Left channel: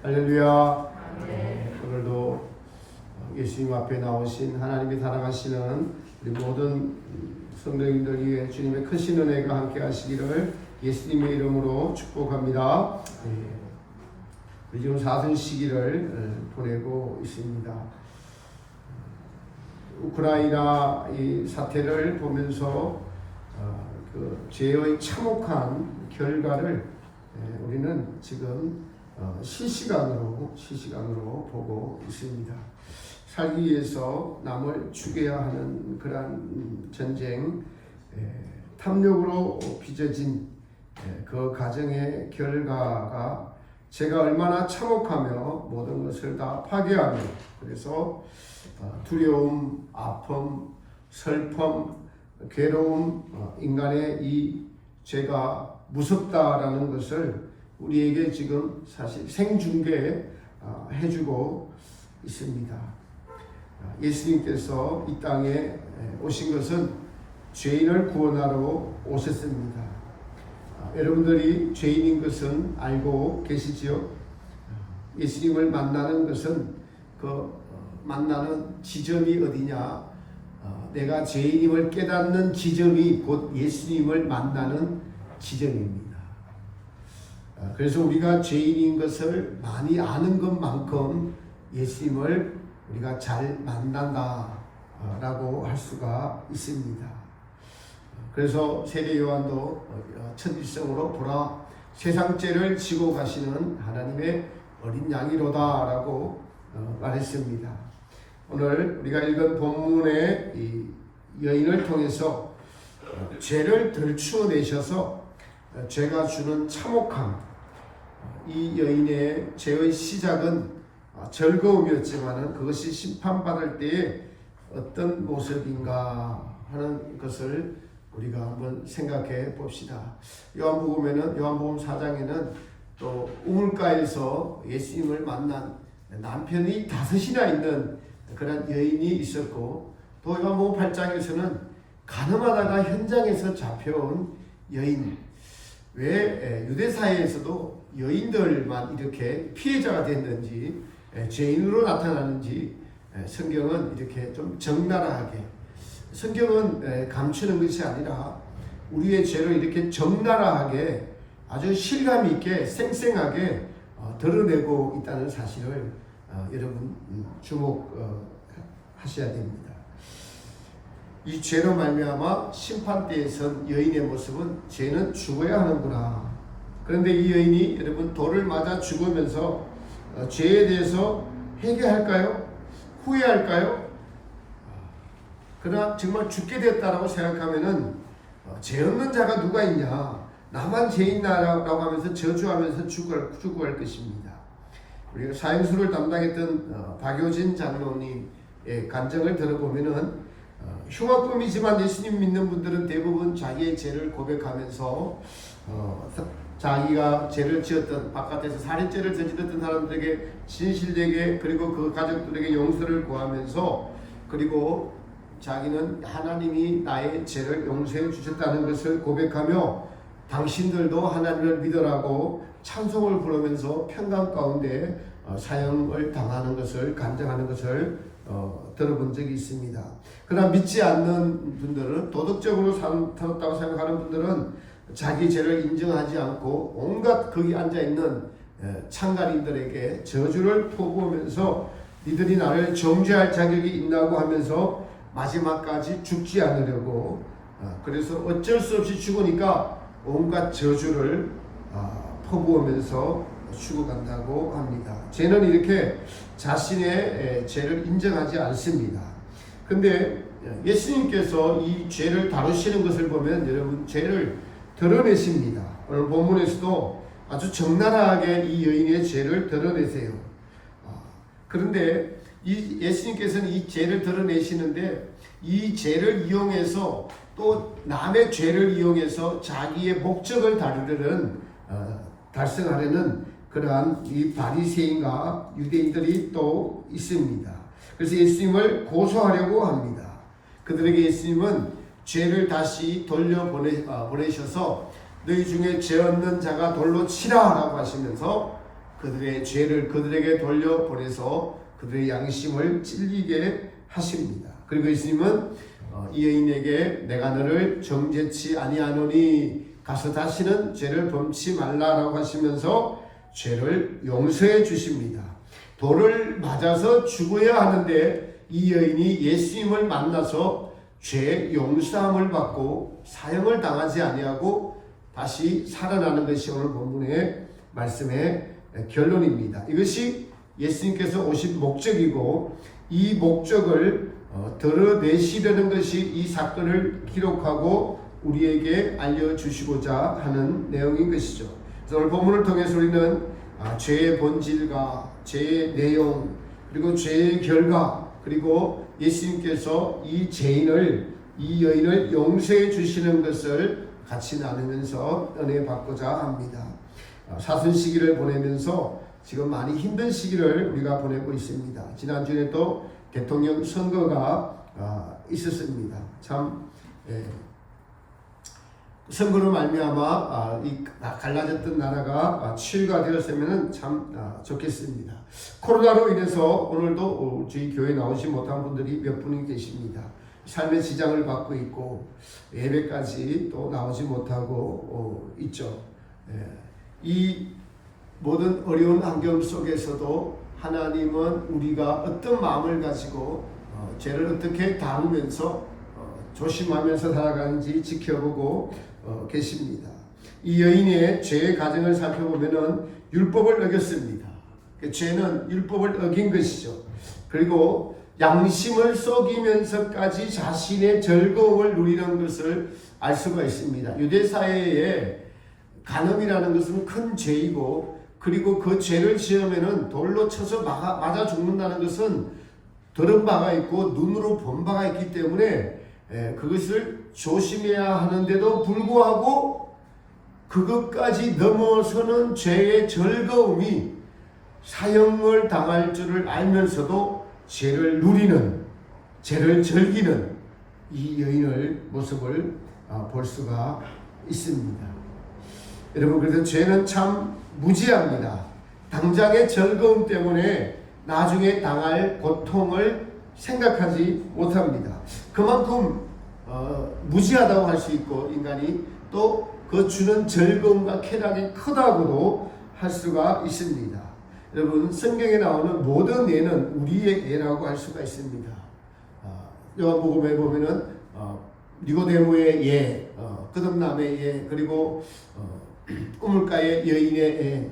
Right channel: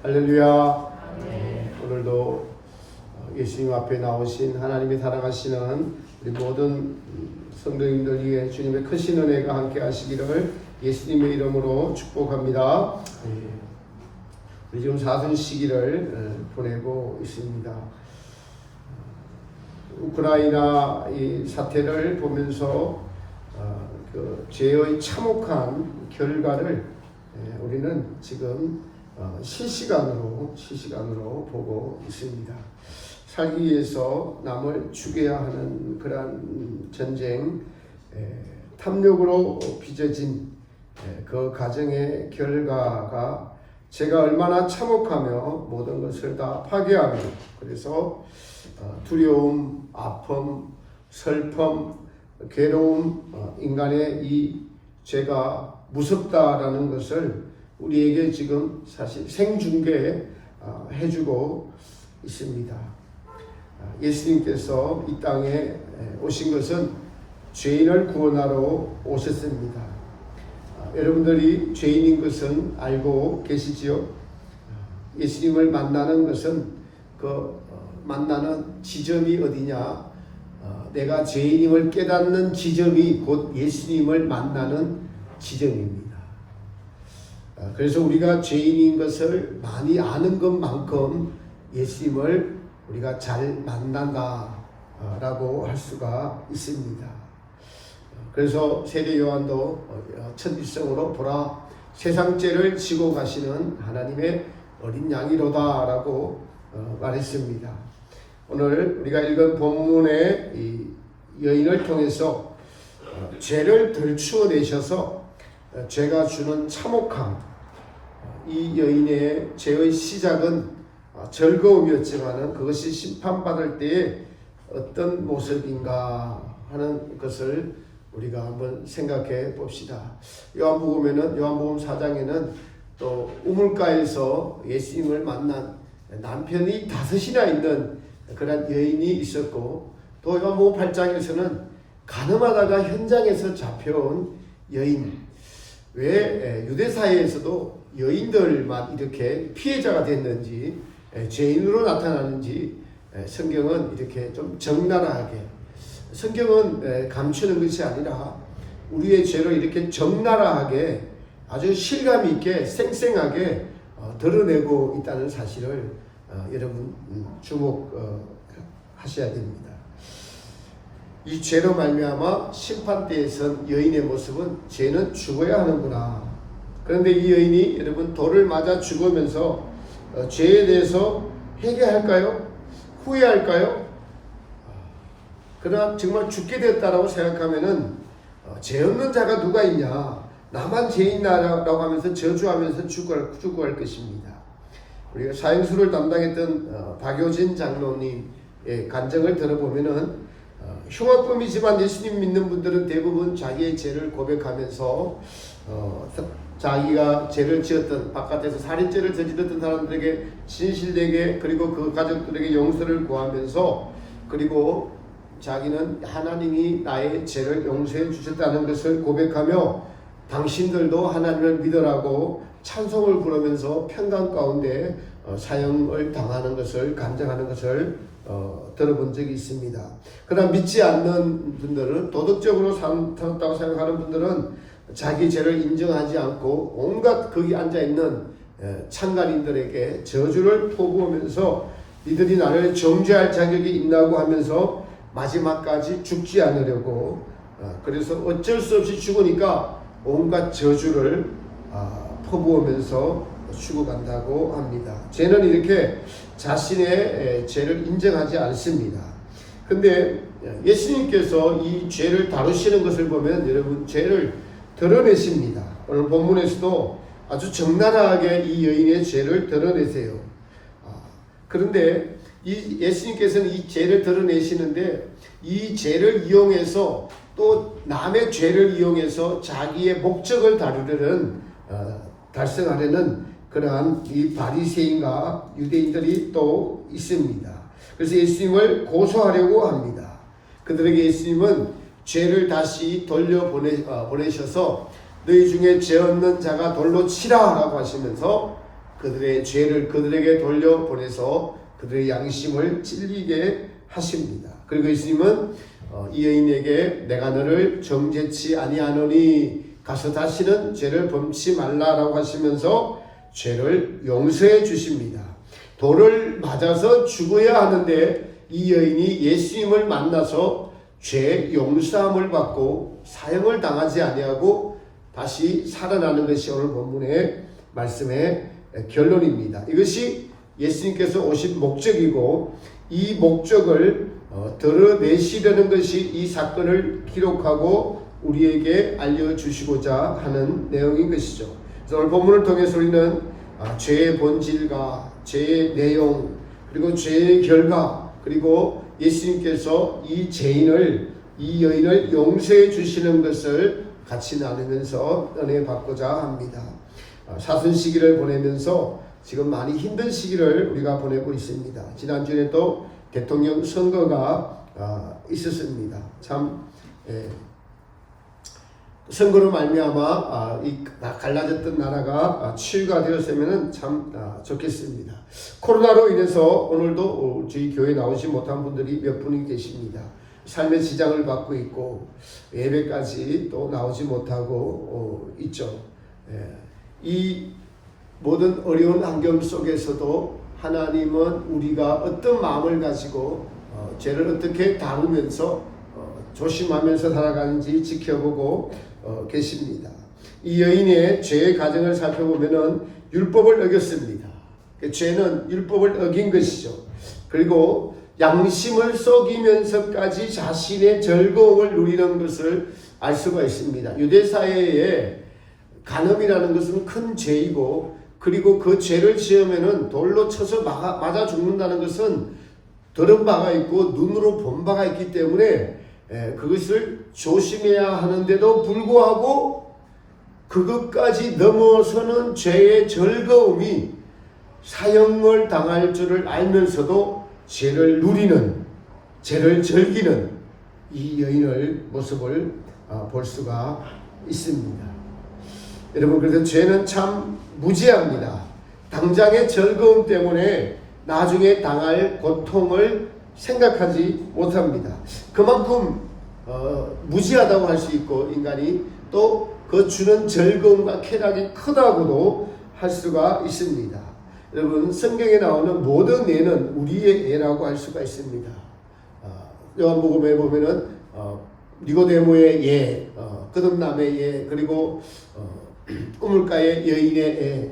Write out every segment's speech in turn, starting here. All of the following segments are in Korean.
할렐루야. 오늘도 예수님 앞에 나오신 하나님의 사랑하시는 우리 모든 성도님들 위해 주님의 크신 은혜가 함께 하시기를 예수님의 이름으로 축복합니다. 우리 지금 사순 시기를 보내고 있습니다. 우크라이나 이 사태를 보면서 그 죄의 참혹한 결과를 우리는 지금 실시간으로 보고 있습니다. 살기 위해서 남을 죽여야 하는 그러한 전쟁, 탐욕으로 빚어진 그 가정의 결과가 제가 얼마나 참혹하며 모든 것을 다 파괴하며 그래서 두려움, 아픔, 슬픔, 괴로움, 인간의 이 죄가 무섭다라는 것을 우리에게 지금 사실 생중계 해주고 있습니다. 예수님께서 이 땅에 오신 것은 죄인을 구원하러 오셨습니다. 여러분들이 죄인인 것은 알고 계시지요? 예수님을 만나는 것은 그 만나는 지점이 어디냐? 내가 죄인임을 깨닫는 지점이 곧 예수님을 만나는 지점입니다. 그래서 우리가 죄인인 것을 많이 아는 것만큼 예수님을 우리가 잘 만난다라고 할 수가 있습니다. 그래서 세례 요한도 첫 일성으로 보라 세상 죄를 지고 가시는 하나님의 어린 양이로다라고 말했습니다. 오늘 우리가 읽은 본문의 이 여인을 통해서 죄를 덜추어내셔서 죄가 주는 참혹함, 이 여인의 죄의 시작은 즐거움이었지만은 그것이 심판받을 때에 어떤 모습인가 하는 것을 우리가 한번 생각해 봅시다. 요한복음 4장에는 또 우물가에서 예수님을 만난 남편이 5이나 있는 그런 여인이 있었고, 또 요한복음 8장에서는 가늠하다가 현장에서 잡혀온 여인. 왜 유대사회에서도 여인들만 이렇게 피해자가 됐는지, 죄인으로 나타나는지 성경은 이렇게 좀 적나라하게, 성경은 감추는 것이 아니라 우리의 죄를 이렇게 적나라하게 아주 실감 있게 생생하게 드러내고 있다는 사실을 여러분 주목하셔야 됩니다. 이 죄로 말미암아 심판대에 선 여인의 모습은 죄는 죽어야 하는구나. 그런데 이 여인이 여러분 돌을 맞아 죽으면서 죄에 대해서 회개할까요? 후회할까요? 그러나 정말 죽게 되었다라고 생각하면은 죄 없는 자가 누가 있냐? 나만 죄인나라고 하면서 저주하면서 죽어갈 것입니다. 우리가 사형수를 담당했던 박효진 장로님의 간증을 들어보면은 흉악범이지만 예수님 믿는 분들은 대부분 자기의 죄를 고백하면서 자기가 죄를 지었던 바깥에서 살인죄를 저질렀던 사람들에게 진실되게 그리고 그 가족들에게 용서를 구하면서 그리고 자기는 하나님이 나의 죄를 용서해 주셨다는 것을 고백하며 당신들도 하나님을 믿으라고 찬송을 부르면서 평강 가운데 사형을 당하는 것을 간증하는 것을 들어본 적이 있습니다. 그러나 믿지 않는 분들은, 도덕적으로 살았다고 생각하는 분들은 자기 죄를 인정하지 않고 온갖 거기 앉아있는 창간인들에게 저주를 포부하면서 니들이 나를 정죄할 자격이 있나고 하면서 마지막까지 죽지 않으려고, 그래서 어쩔 수 없이 죽으니까 온갖 저주를 퍼부으면서 죽어간다고 합니다. 죄는 이렇게 자신의 죄를 인정하지 않습니다. 근데 예수님께서 이 죄를 다루시는 것을 보면 여러분 죄를 드러내십니다. 오늘 본문에서도 아주 적나라하게 이 여인의 죄를 드러내세요. 그런데 예수님께서는 이 죄를 드러내시는데 이 죄를 이용해서 또 남의 죄를 이용해서 자기의 목적을 달성하려는 그러한 이 바리새인과 유대인들이 또 있습니다. 그래서 예수님을 고소하려고 합니다. 그들에게 예수님은 죄를 다시 돌려보내셔서 너희 중에 죄 없는 자가 돌로 치라 라고 하시면서 그들의 죄를 그들에게 돌려보내서 그들의 양심을 찔리게 하십니다. 그리고 예수님은 이 여인에게 내가 너를 정죄치 아니하노니 가서 다시는 죄를 범치 말라라고 하시면서 죄를 용서해 주십니다. 돌을 맞아서 죽어야 하는데 이 여인이 예수님을 만나서 죄 용서함을 받고 사형을 당하지 아니하고 다시 살아나는 것이 오늘 본문의 말씀의 결론입니다. 이것이 예수님께서 오신 목적이고 이 목적을 드러내시려는 것이 이 사건을 기록하고 우리에게 알려주시고자 하는 내용인 것이죠. 그래서 오늘 본문을 통해서 우리는 죄의 본질과 죄의 내용 그리고 죄의 결과 그리고 예수님께서 이 죄인을 이 여인을 용서해 주시는 것을 같이 나누면서 은혜 받고자 합니다. 사순 시기를 보내면서 지금 많이 힘든 시기를 우리가 보내고 있습니다. 지난주에 또 대통령 선거가 있었습니다. 참 선거로 말미암아 이 갈라졌던 나라가 치유가 되었으면 참 좋겠습니다. 코로나로 인해서 오늘도 저희 교회에 나오지 못한 분들이 몇 분이 계십니다. 삶의 지장을 받고 있고 예배까지 또 나오지 못하고 있죠. 이 모든 어려운 환경 속에서도 하나님은 우리가 어떤 마음을 가지고 죄를 어떻게 다루면서 조심하면서 살아가는지 지켜보고 계십니다. 이 여인의 죄의 과정을 살펴보면은 율법을 어겼습니다. 죄는 율법을 어긴 것이죠. 그리고 양심을 속이면서까지 자신의 즐거움을 누리는 것을 알 수가 있습니다. 유대 사회에 간음이라는 것은 큰 죄이고 그리고 그 죄를 지으면은 돌로 쳐서 맞아 죽는다는 것은 들은 바가 있고 눈으로 본 바가 있기 때문에 그것을 조심해야 하는데도 불구하고 그것까지 넘어서는 죄의 즐거움이 사형을 당할 줄을 알면서도 죄를 누리는 죄를 즐기는 이 여인의 모습을 볼 수가 있습니다. 여러분 그래서 죄는 참 무지합니다. 당장의 즐거움 때문에 나중에 당할 고통을 생각하지 못합니다. 그만큼 무지하다고 할 수 있고 인간이 또 그 주는 즐거움과 쾌락이 크다고도 할 수가 있습니다. 여러분 성경에 나오는 모든 예는 우리의 예라고 할 수가 있습니다. 요한복음에 보면은 니고데모의 예, 거듭남의 예, 그리고 우물가의 여인의 예,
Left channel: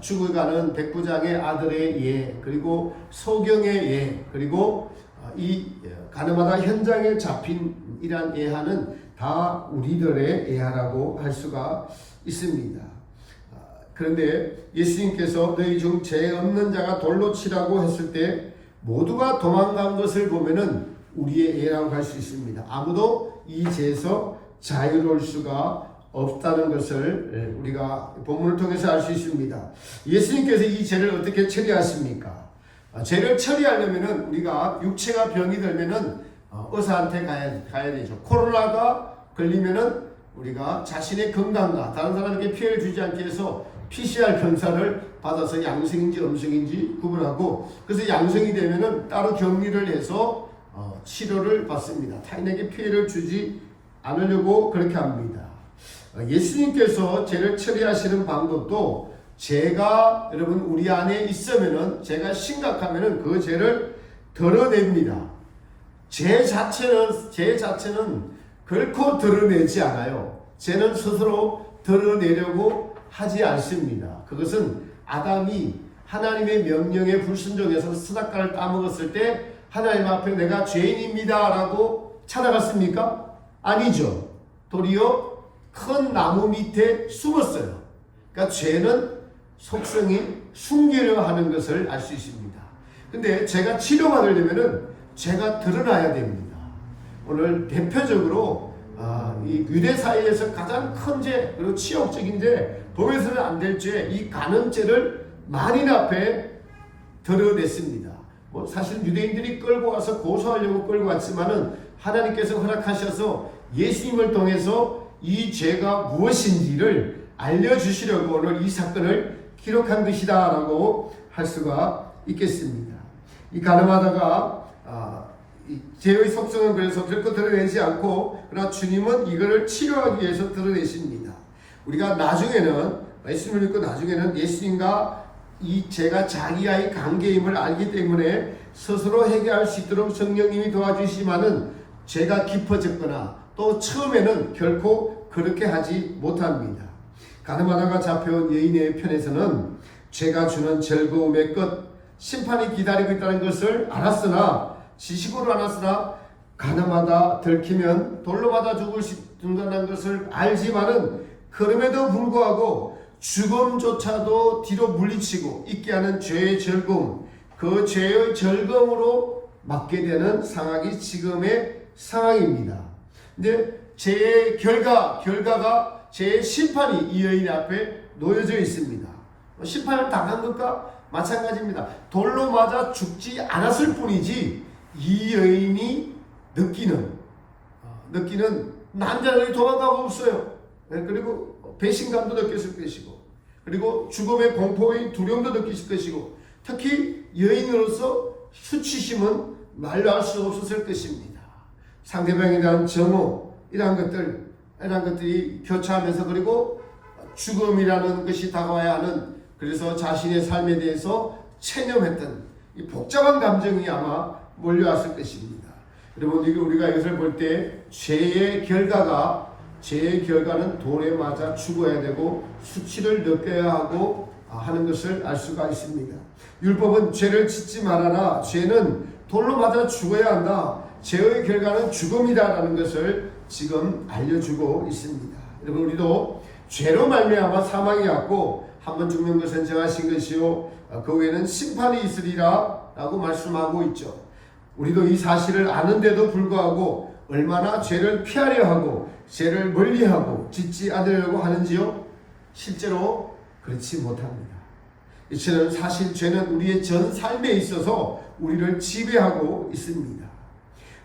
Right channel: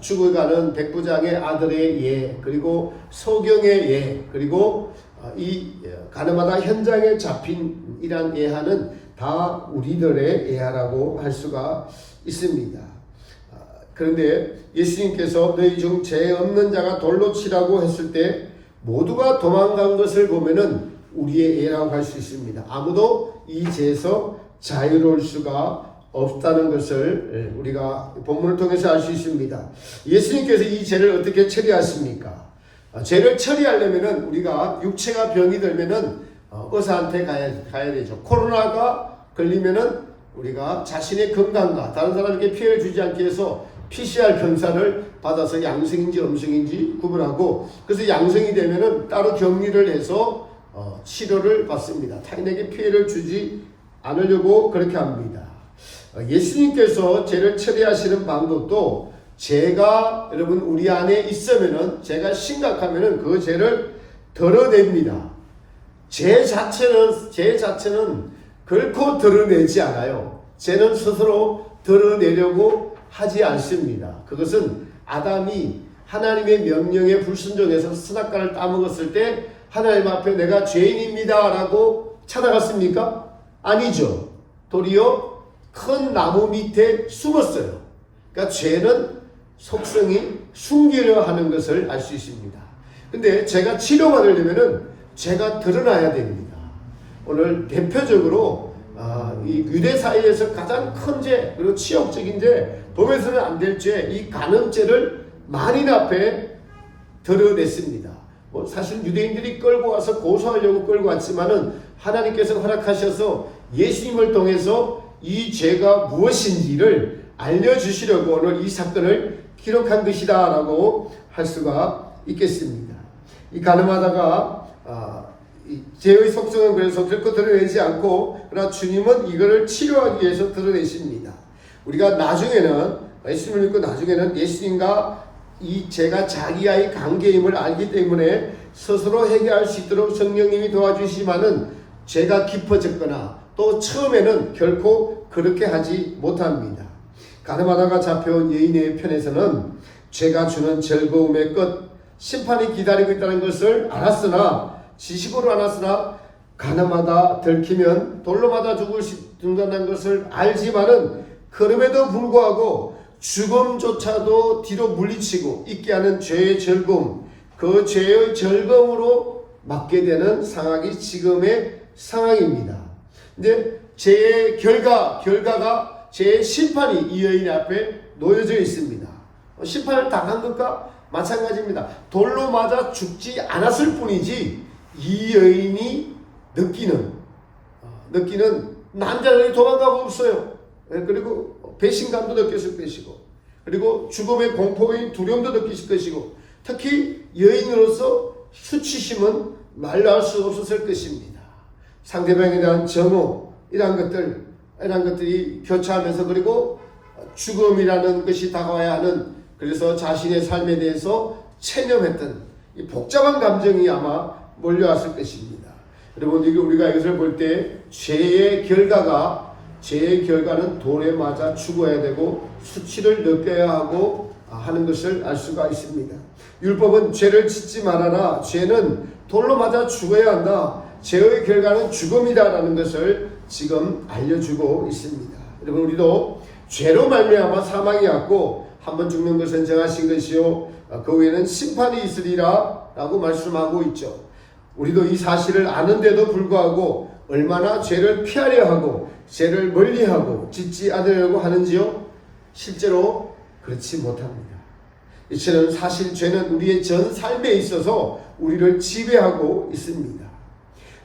죽어가는 백부장의 아들의 예, 그리고 소경의 예, 그리고 이 가늠하다 현장에 잡힌 이란 예하는 다 우리들의 예하라고 할 수가 있습니다. 그런데 예수님께서 너희 중 죄 없는 자가 돌로 치라고 했을 때 모두가 도망간 것을 보면은 우리의 예라고 할 수 있습니다. 아무도 이 죄에서 자유로울 수가 없다는 것을 우리가 본문을 통해서 알 수 있습니다. 예수님께서 이 죄를 어떻게 처리하십니까? 죄를 처리하려면은 우리가 육체가 병이 들면은 의사한테 가야 되죠. 코로나가 걸리면은 우리가 자신의 건강과 다른 사람에게 피해를 주지 않기 위해서 PCR 검사를 받아서 양성인지 음성인지 구분하고 그래서 양성이 되면은 따로 격리를 해서 치료를 받습니다. 타인에게 피해를 주지 않으려고 그렇게 합니다. 예수님께서 죄를 처리하시는 방법도 죄가 여러분 우리 안에 있으면은 죄가 심각하면은 그 죄를 덜어냅니다. 죄 자체는 결코 드러내지 않아요. 죄는 스스로 드러내려고 하지 않습니다. 그것은 아담이 하나님의 명령에 불순종해서 선악과를 따먹었을 때 하나님 앞에 내가 죄인입니다 라고 찾아갔습니까? 아니죠. 도리어 큰 나무 밑에 숨었어요. 그러니까 죄는 속성이 숨기려 하는 것을 알 수 있습니다. 근데 죄가 치료받으려면은 죄가 드러나야 됩니다. 오늘 대표적으로 이 유대 사회에서 가장 큰 죄 그리고 치욕적인 죄 보면서는 안 될 죄 이 간음죄를 만인 앞에 드러냈습니다. 뭐 사실 유대인들이 끌고 와서 고소하려고 끌고 왔지만은 하나님께서 허락하셔서 예수님을 통해서 이 죄가 무엇인지를 알려주시려고 오늘 이 사건을 기록한 것이다 라고 할 수가 있겠습니다. 이 가늠하다가 이 죄의 속성은 그래서 결코 드러내지 않고, 그러나 주님은 이거를 치료하기 위해서 드러내십니다. 우리가 나중에는, 예수님을 믿고 나중에는 예수님과 이 죄가 자기와의 관계임을 알기 때문에 스스로 해결할 수 있도록 성령님이 도와주시지만은 죄가 깊어졌거나 또 처음에는 결코 그렇게 하지 못합니다. 가늠하다가 잡혀온 여인의 편에서는 죄가 주는 즐거움의 끝, 심판이 기다리고 있다는 것을 알았으나, 지식으로 알았으나 가늠하다 들키면 돌로 맞아 죽는다는 것을 알지만은 그럼에도 불구하고 죽음조차도 뒤로 물리치고 있게 하는 죄의 즐거움, 그 죄의 즐거움으로 맞게 되는 상황이 지금의 상황입니다. 근데 죄의 결과가 죄의 심판이 이 여인 앞에 놓여져 있습니다. 심판을 당한 것과 마찬가지입니다. 돌로 맞아 죽지 않았을 뿐이지 이 여인이 느끼는 남자들이 도망가고 없어요. 그리고 배신감도 느꼈을 것이고, 그리고 죽음의 공포의 두려움도 느끼실 것이고, 특히 여인으로서 수치심은 말로 할 수 없었을 것입니다. 상대방에 대한 정오, 이러한 것들이 교차하면서, 그리고 죽음이라는 것이 다가와야 하는, 그래서 자신의 삶에 대해서 체념했던 이 복잡한 감정이 아마 몰려왔을 것입니다. 여러분, 우리가 이것을 볼 때 죄의 결과는 돌에 맞아 죽어야 되고 수치를 느껴야 하고 하는 것을 알 수가 있습니다. 율법은 죄를 짓지 말아라, 죄는 돌로 맞아 죽어야 한다, 죄의 결과는 죽음이다라는 것을 지금 알려주고 있습니다. 여러분, 우리도 죄로 말미암아 사망이 왔고 한 번 죽는 것은 정하신 것이요 그 후에는 심판이 있으리라 라고 말씀하고 있죠. 우리도 이 사실을 아는데도 불구하고 얼마나 죄를 피하려 하고 죄를 멀리하고 짓지 않으려고 하는지요? 실제로 그렇지 못합니다. 이처럼 사실 죄는 우리의 전 삶에 있어서 우리를 지배하고 있습니다.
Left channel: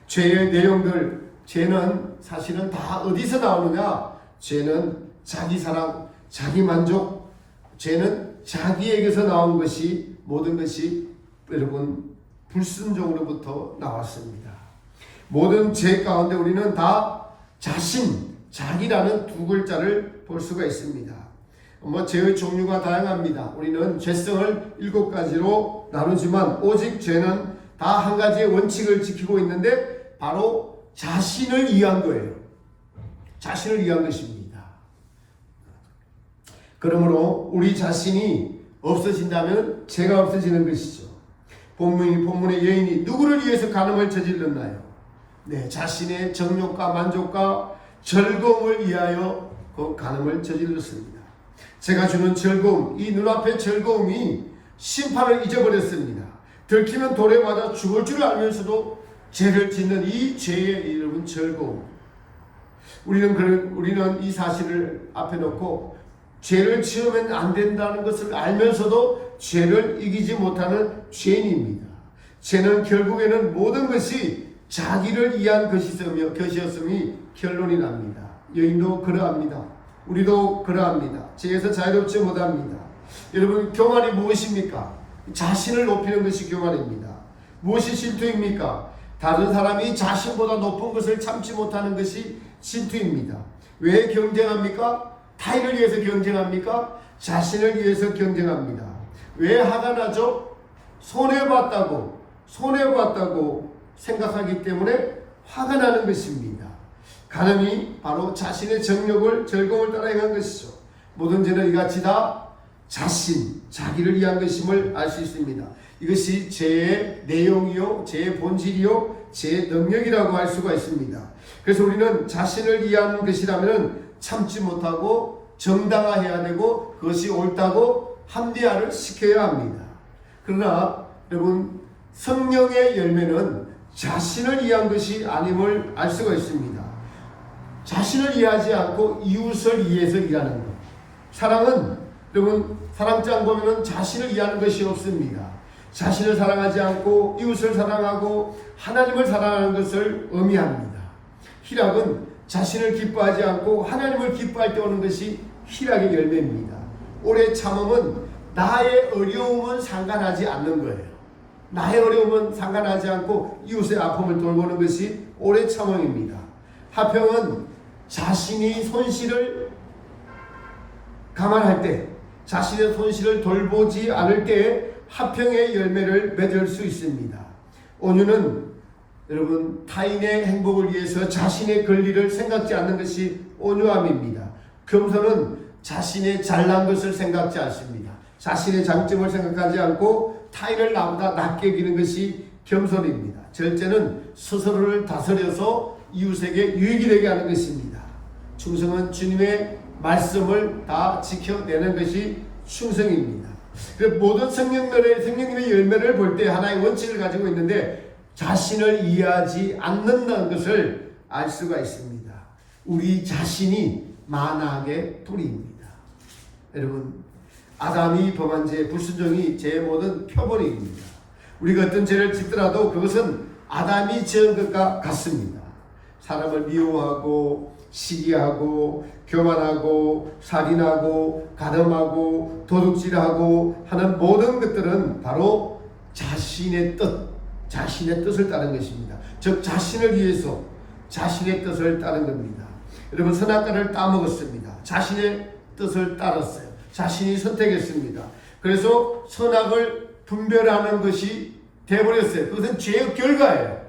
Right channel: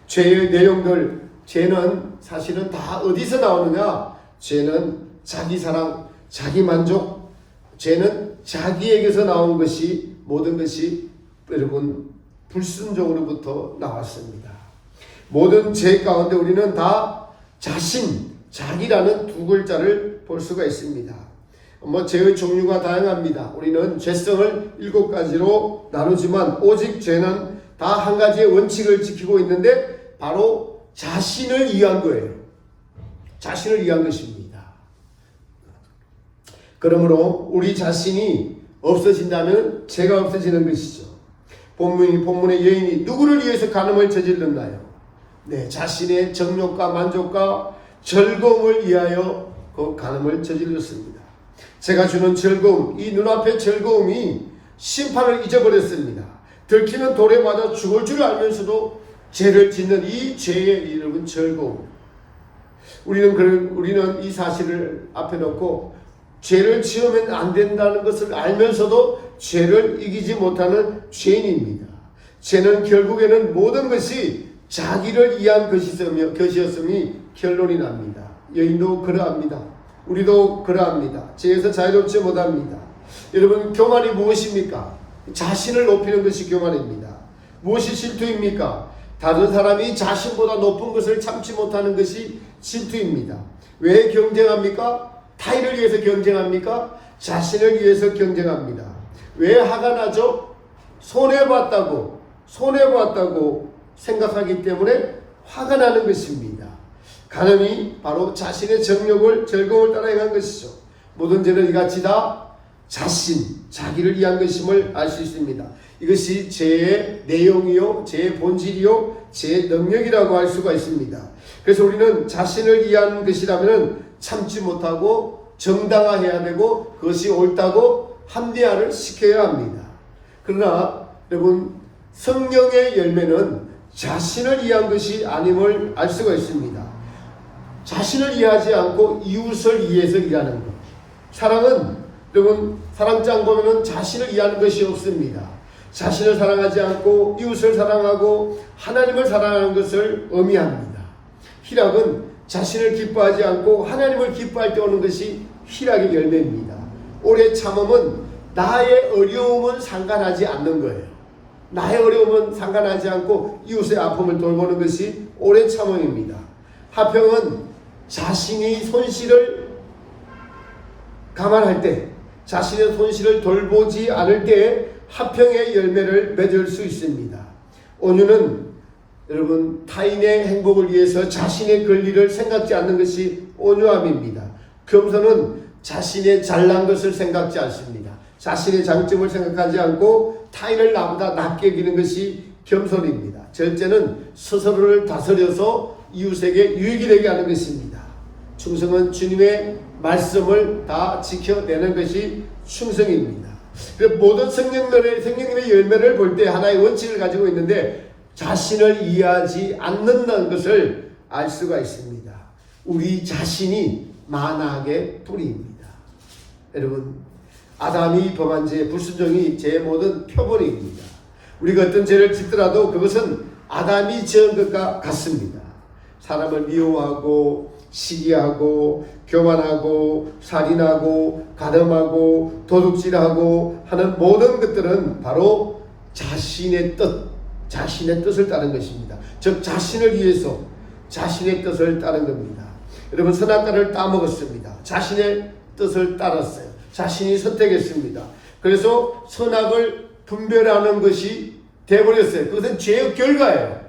죄의 내용들, 죄는 사실은 다 어디서 나오느냐? 죄는 자기 사랑, 자기 만족, 죄는 자기에게서 나온 것이, 모든 것이 여러분 불순종으로부터 나왔습니다. 모든 죄 가운데 우리는 다 자기라는 두 글자를 볼 수가 있습니다. 죄의 종류가 다양합니다. 우리는 죄성을 7가지로 나누지만 오직 죄는 다 한 가지의 원칙을 지키고 있는데 바로 자신을 위한 거예요. 자신을 위한 것입니다. 그러므로 우리 자신이 없어진다면 죄가 없어지는 것이죠. 본문의 여인이 누구를 위해서 간음을 저질렀나요? 네, 자신의 정욕과 만족과 즐거움을 위하여 그 간음을 저질렀습니다. 제가 주는 즐거움, 이 눈앞의 즐거움이 심판을 잊어버렸습니다. 들키는 돌에 맞아 죽을 줄 알면서도 죄를 짓는 이 죄의 이름은 즐거움. 우리는 이 사실을 앞에 놓고 죄를 지으면 안 된다는 것을 알면서도 죄를 이기지 못하는 죄인입니다. 죄는 결국에는 모든 것이 자기를 위한 것이었음이 결론이 납니다. 여인도 그러합니다. 우리도 그러합니다. 죄에서 자유롭지 못합니다. 여러분, 교만이 무엇입니까? 자신을 높이는 것이 교만입니다. 무엇이 질투입니까? 다른 사람이 자신보다 높은 것을 참지 못하는 것이 질투입니다. 왜 경쟁합니까? 타인을 위해서 경쟁합니까? 자신을 위해서 경쟁합니다. 왜 화가 나죠? 손해봤다고 생각하기 때문에 화가 나는 것입니다. 간음이 바로 자신의 정욕을, 즐거움을 따라 행한 것이죠. 모든 죄는 이같이 다 자기를 위한 것임을 알 수 있습니다. 이것이 죄의 내용이요, 죄의 본질이요, 죄의 능력이라고 할 수가 있습니다. 그래서 우리는 자신을 위한 것이라면 참지 못하고 정당화해야 되고 그것이 옳다고 합리화를 시켜야 합니다. 그러나 여러분, 성령의 열매는 자신을 위한 것이 아님을 알 수가 있습니다. 자신을 위하지 않고 이웃을 위해서 일하는 것. 사랑은 여러분, 사랑장 보면은 자신을 위하는 것이 없습니다. 자신을 사랑하지 않고 이웃을 사랑하고 하나님을 사랑하는 것을 의미합니다. 희락은 자신을 기뻐하지 않고 하나님을 기뻐할 때 오는 것이 희락의 열매입니다. 오래 참음은 나의 어려움은 상관하지 않는 거예요. 나의 어려움은 상관하지 않고 이웃의 아픔을 돌보는 것이 오래 참음입니다. 화평은 자신이 손실을 감안할 때, 자신의 손실을 돌보지 않을 때 화평의 열매를 맺을 수 있습니다. 온유는 여러분 타인의 행복을 위해서 자신의 권리를 생각지 않는 것이 온유함입니다. 겸손은 자신의 잘난 것을 생각지 않습니다. 자신의 장점을 생각하지 않고 타인을 나보다 낮게 여기는 것이 겸손입니다. 절제는 스스로를 다스려서 이웃에게 유익이 되게 하는 것입니다. 충성은 주님의 말씀을 다 지켜내는 것이 충성입니다. 모든 성령님의 열매를 볼 때 하나의 원칙을 가지고 있는데 자신을 이해하지 않는다는 것을 알 수가 있습니다. 우리 자신이 만악의 뿌리입니다. 여러분, 아담이 범한 죄, 불순종이 죄의 모든 표본입니다. 우리가 어떤 죄를 짓더라도 그것은 아담이 지은 것과 같습니다. 사람을 미워하고 시기하고 교만하고 살인하고 가늠하고 도둑질하고 하는 모든 것들은 바로 자신의 뜻을 따른 것입니다. 즉 자신을 위해서 자신의 뜻을 따른 겁니다. 여러분, 선악과를 따먹었습니다. 자신의 뜻을 따랐어요. 자신이 선택했습니다. 그래서 선악을 분별하는 것이 되어버렸어요. 그것은 죄의 결과예요.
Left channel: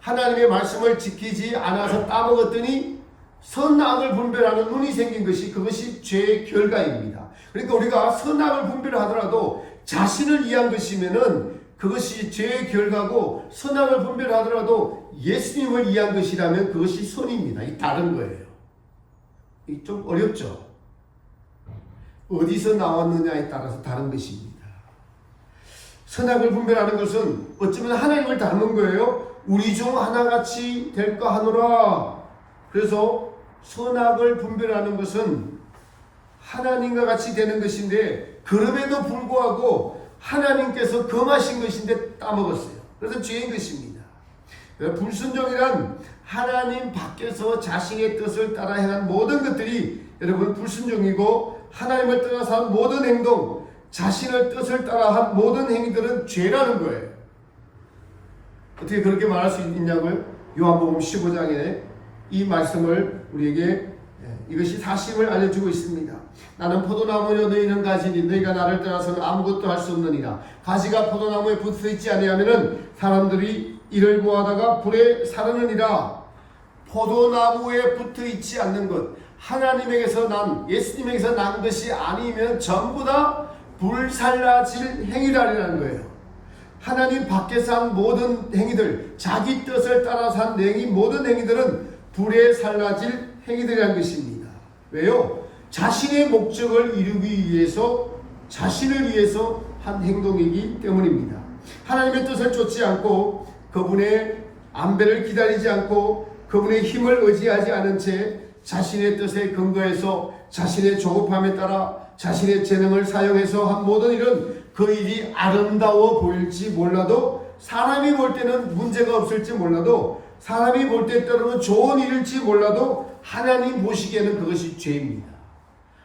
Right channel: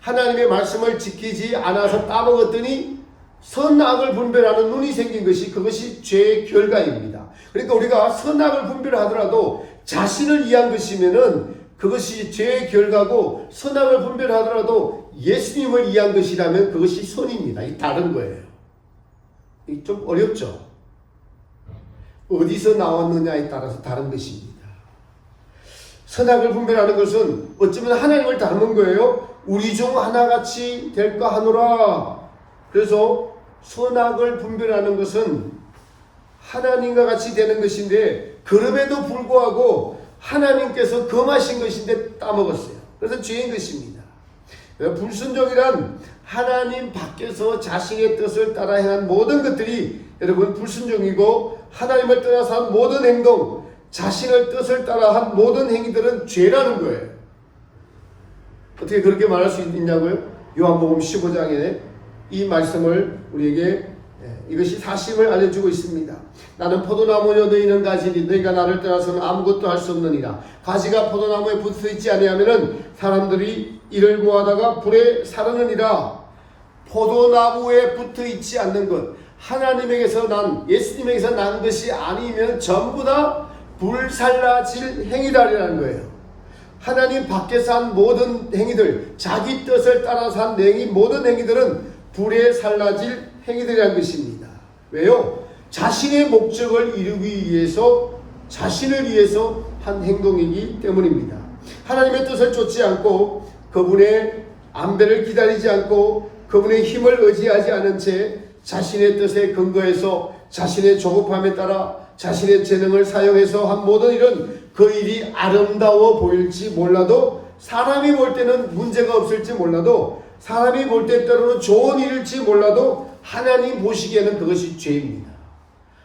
하나님의 말씀을 지키지 않아서 따먹었더니 선악을 분별하는 눈이 생긴 것이 그것이 죄의 결과입니다. 그러니까 우리가 선악을 분별하더라도 자신을 위한 것이면은 그것이 죄의 결과고, 선악을 분별하더라도 예수님을 위한 것이라면 그것이 선입니다. 이 다른 거예요. 좀 어렵죠? 어디서 나왔느냐에 따라서 다른 것입니다. 선악을 분별하는 것은 어쩌면 하나님을 닮은 거예요. 우리 중 하나같이 될까 하노라. 그래서 선악을 분별하는 것은 하나님과 같이 되는 것인데, 그럼에도 불구하고 하나님께서 금하신 것인데 따먹었어요. 그래서 죄인 것입니다. 불순종이란 하나님 밖에서 자신의 뜻을 따라 행한 모든 것들이 여러분 불순종이고, 하나님을 떠나서 한 모든 행동, 자신의 뜻을 따라 한 모든 행위들은 죄라는 거예요. 어떻게 그렇게 말할 수 있냐고요? 요한복음 15장에 이 말씀을 우리에게 이것이 사실을 알려주고 있습니다. 나는 포도나무여 너희는 가지니 너희가 나를 떠나서는 아무것도 할 수 없느니라. 가지가 포도나무에 붙어 있지 아니하면은 사람들이 이를 모아다가 불에 사르느니라. 포도나무에 붙어 있지 않는 것, 하나님에게서 난, 예수님에게서 난 것이 아니면 전부 다 불살라질 행위라는 거예요. 하나님 밖에서 한 모든 행위들, 자기 뜻을 따라서 한 모든 행위들은 불에 살라질 행위들이라는 것입니다. 왜요? 자신의 목적을 이루기 위해서, 자신을 위해서 한 행동이기 때문입니다. 하나님의 뜻을 쫓지 않고 그분의 안배를 기다리지 않고 그분의 힘을 의지하지 않은 채 자신의 뜻에 근거해서 자신의 조급함에 따라 자신의 재능을 사용해서 한 모든 일은 그 일이 아름다워 보일지 몰라도, 사람이 볼 때는 문제가 없을지 몰라도, 사람이 볼 때 때로는 좋은 일일지 몰라도 하나님 보시기에는 그것이 죄입니다.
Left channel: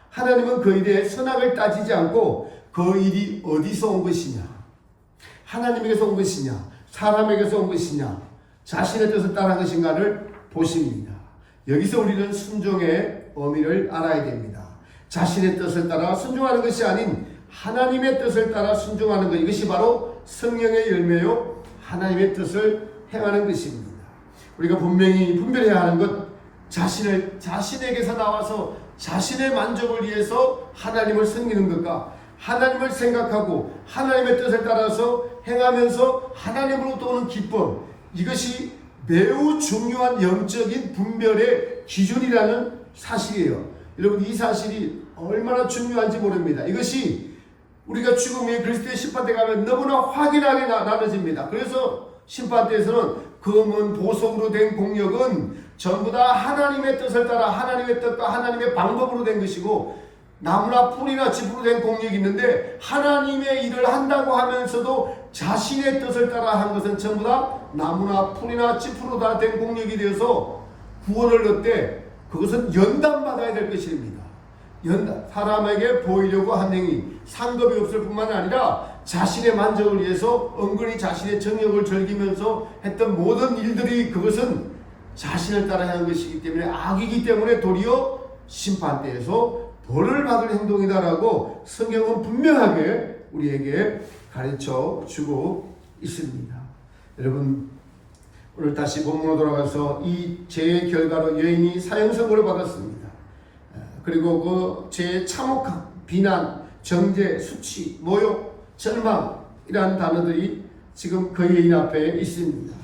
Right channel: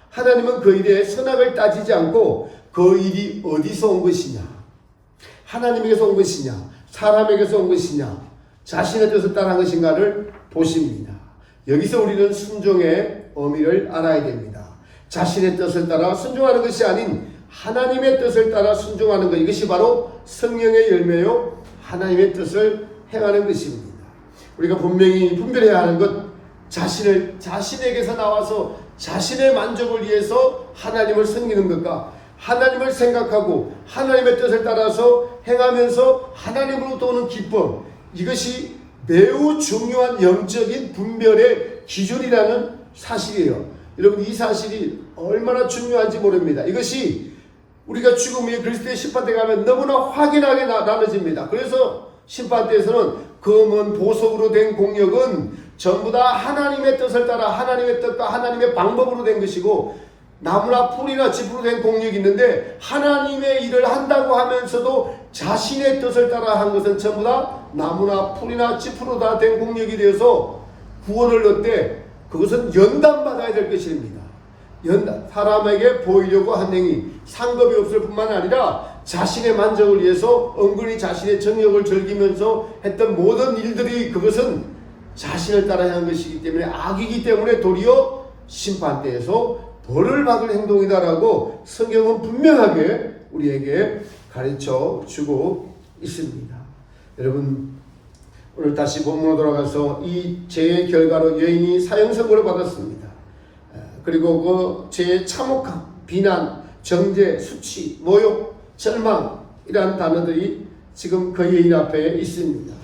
하나님은 그 일에 선악을 따지지 않고 그 일이 어디서 온 것이냐, 하나님에게서 온 것이냐, 사람에게서 온 것이냐, 자신의 뜻을 따른 것인가를 보십니다. 여기서 우리는 순종의 의미를 알아야 됩니다. 자신의 뜻을 따라 순종하는 것이 아닌 하나님의 뜻을 따라 순종하는 것, 이것이 바로 성령의 열매요 하나님의 뜻을 행하는 것입니다. 우리가 분명히 분별해야 하는 것, 자신에게서 나와서 자신의 만족을 위해서 하나님을 섬기는 것과 하나님을 생각하고 하나님의 뜻을 따라서 행하면서 하나님으로부터 오는 기쁨, 이것이 매우 중요한 영적인 분별의 기준이라는 사실이에요. 여러분, 이 사실이 얼마나 중요한지 모릅니다. 이것이 우리가 죽음 후에 그리스도의 심판대에 가면 너무나 확연하게 나눠집니다. 그래서 심판대에서는 검은 보석으로 된 공력은 전부 다 하나님의 뜻을 따라 하나님의 뜻과 하나님의 방법으로 된 것이고, 나무나 풀이나 짚으로 된 공력이 있는데 하나님의 일을 한다고 하면서도 자신의 뜻을 따라 한 것은 전부 다 나무나 풀이나 짚으로 다 된 공력이 되어서 구원을 얻되 그것은 연단받아야 될 것입니다. 사람에게 보이려고 한 행위, 상급이 없을 뿐만 아니라 자신의 만족을 위해서 은근히 자신의 정욕을 즐기면서 했던 모든 일들이 그것은 자신을 따라 향한 것이기 때문에 악이기 때문에 도리어 심판대에서 벌을 받을 행동이다라고 성경은 분명하게 우리에게 가르쳐 주고 있습니다. 여러분, 오늘 다시 본문으로 돌아가서 이 죄의 결과로 여인이 사형선고를 받았습니다. 그리고 그 죄의 참혹함, 비난, 정죄, 수치, 모욕, 절망이라는 단어들이 지금 그 여인 앞에 있습니다.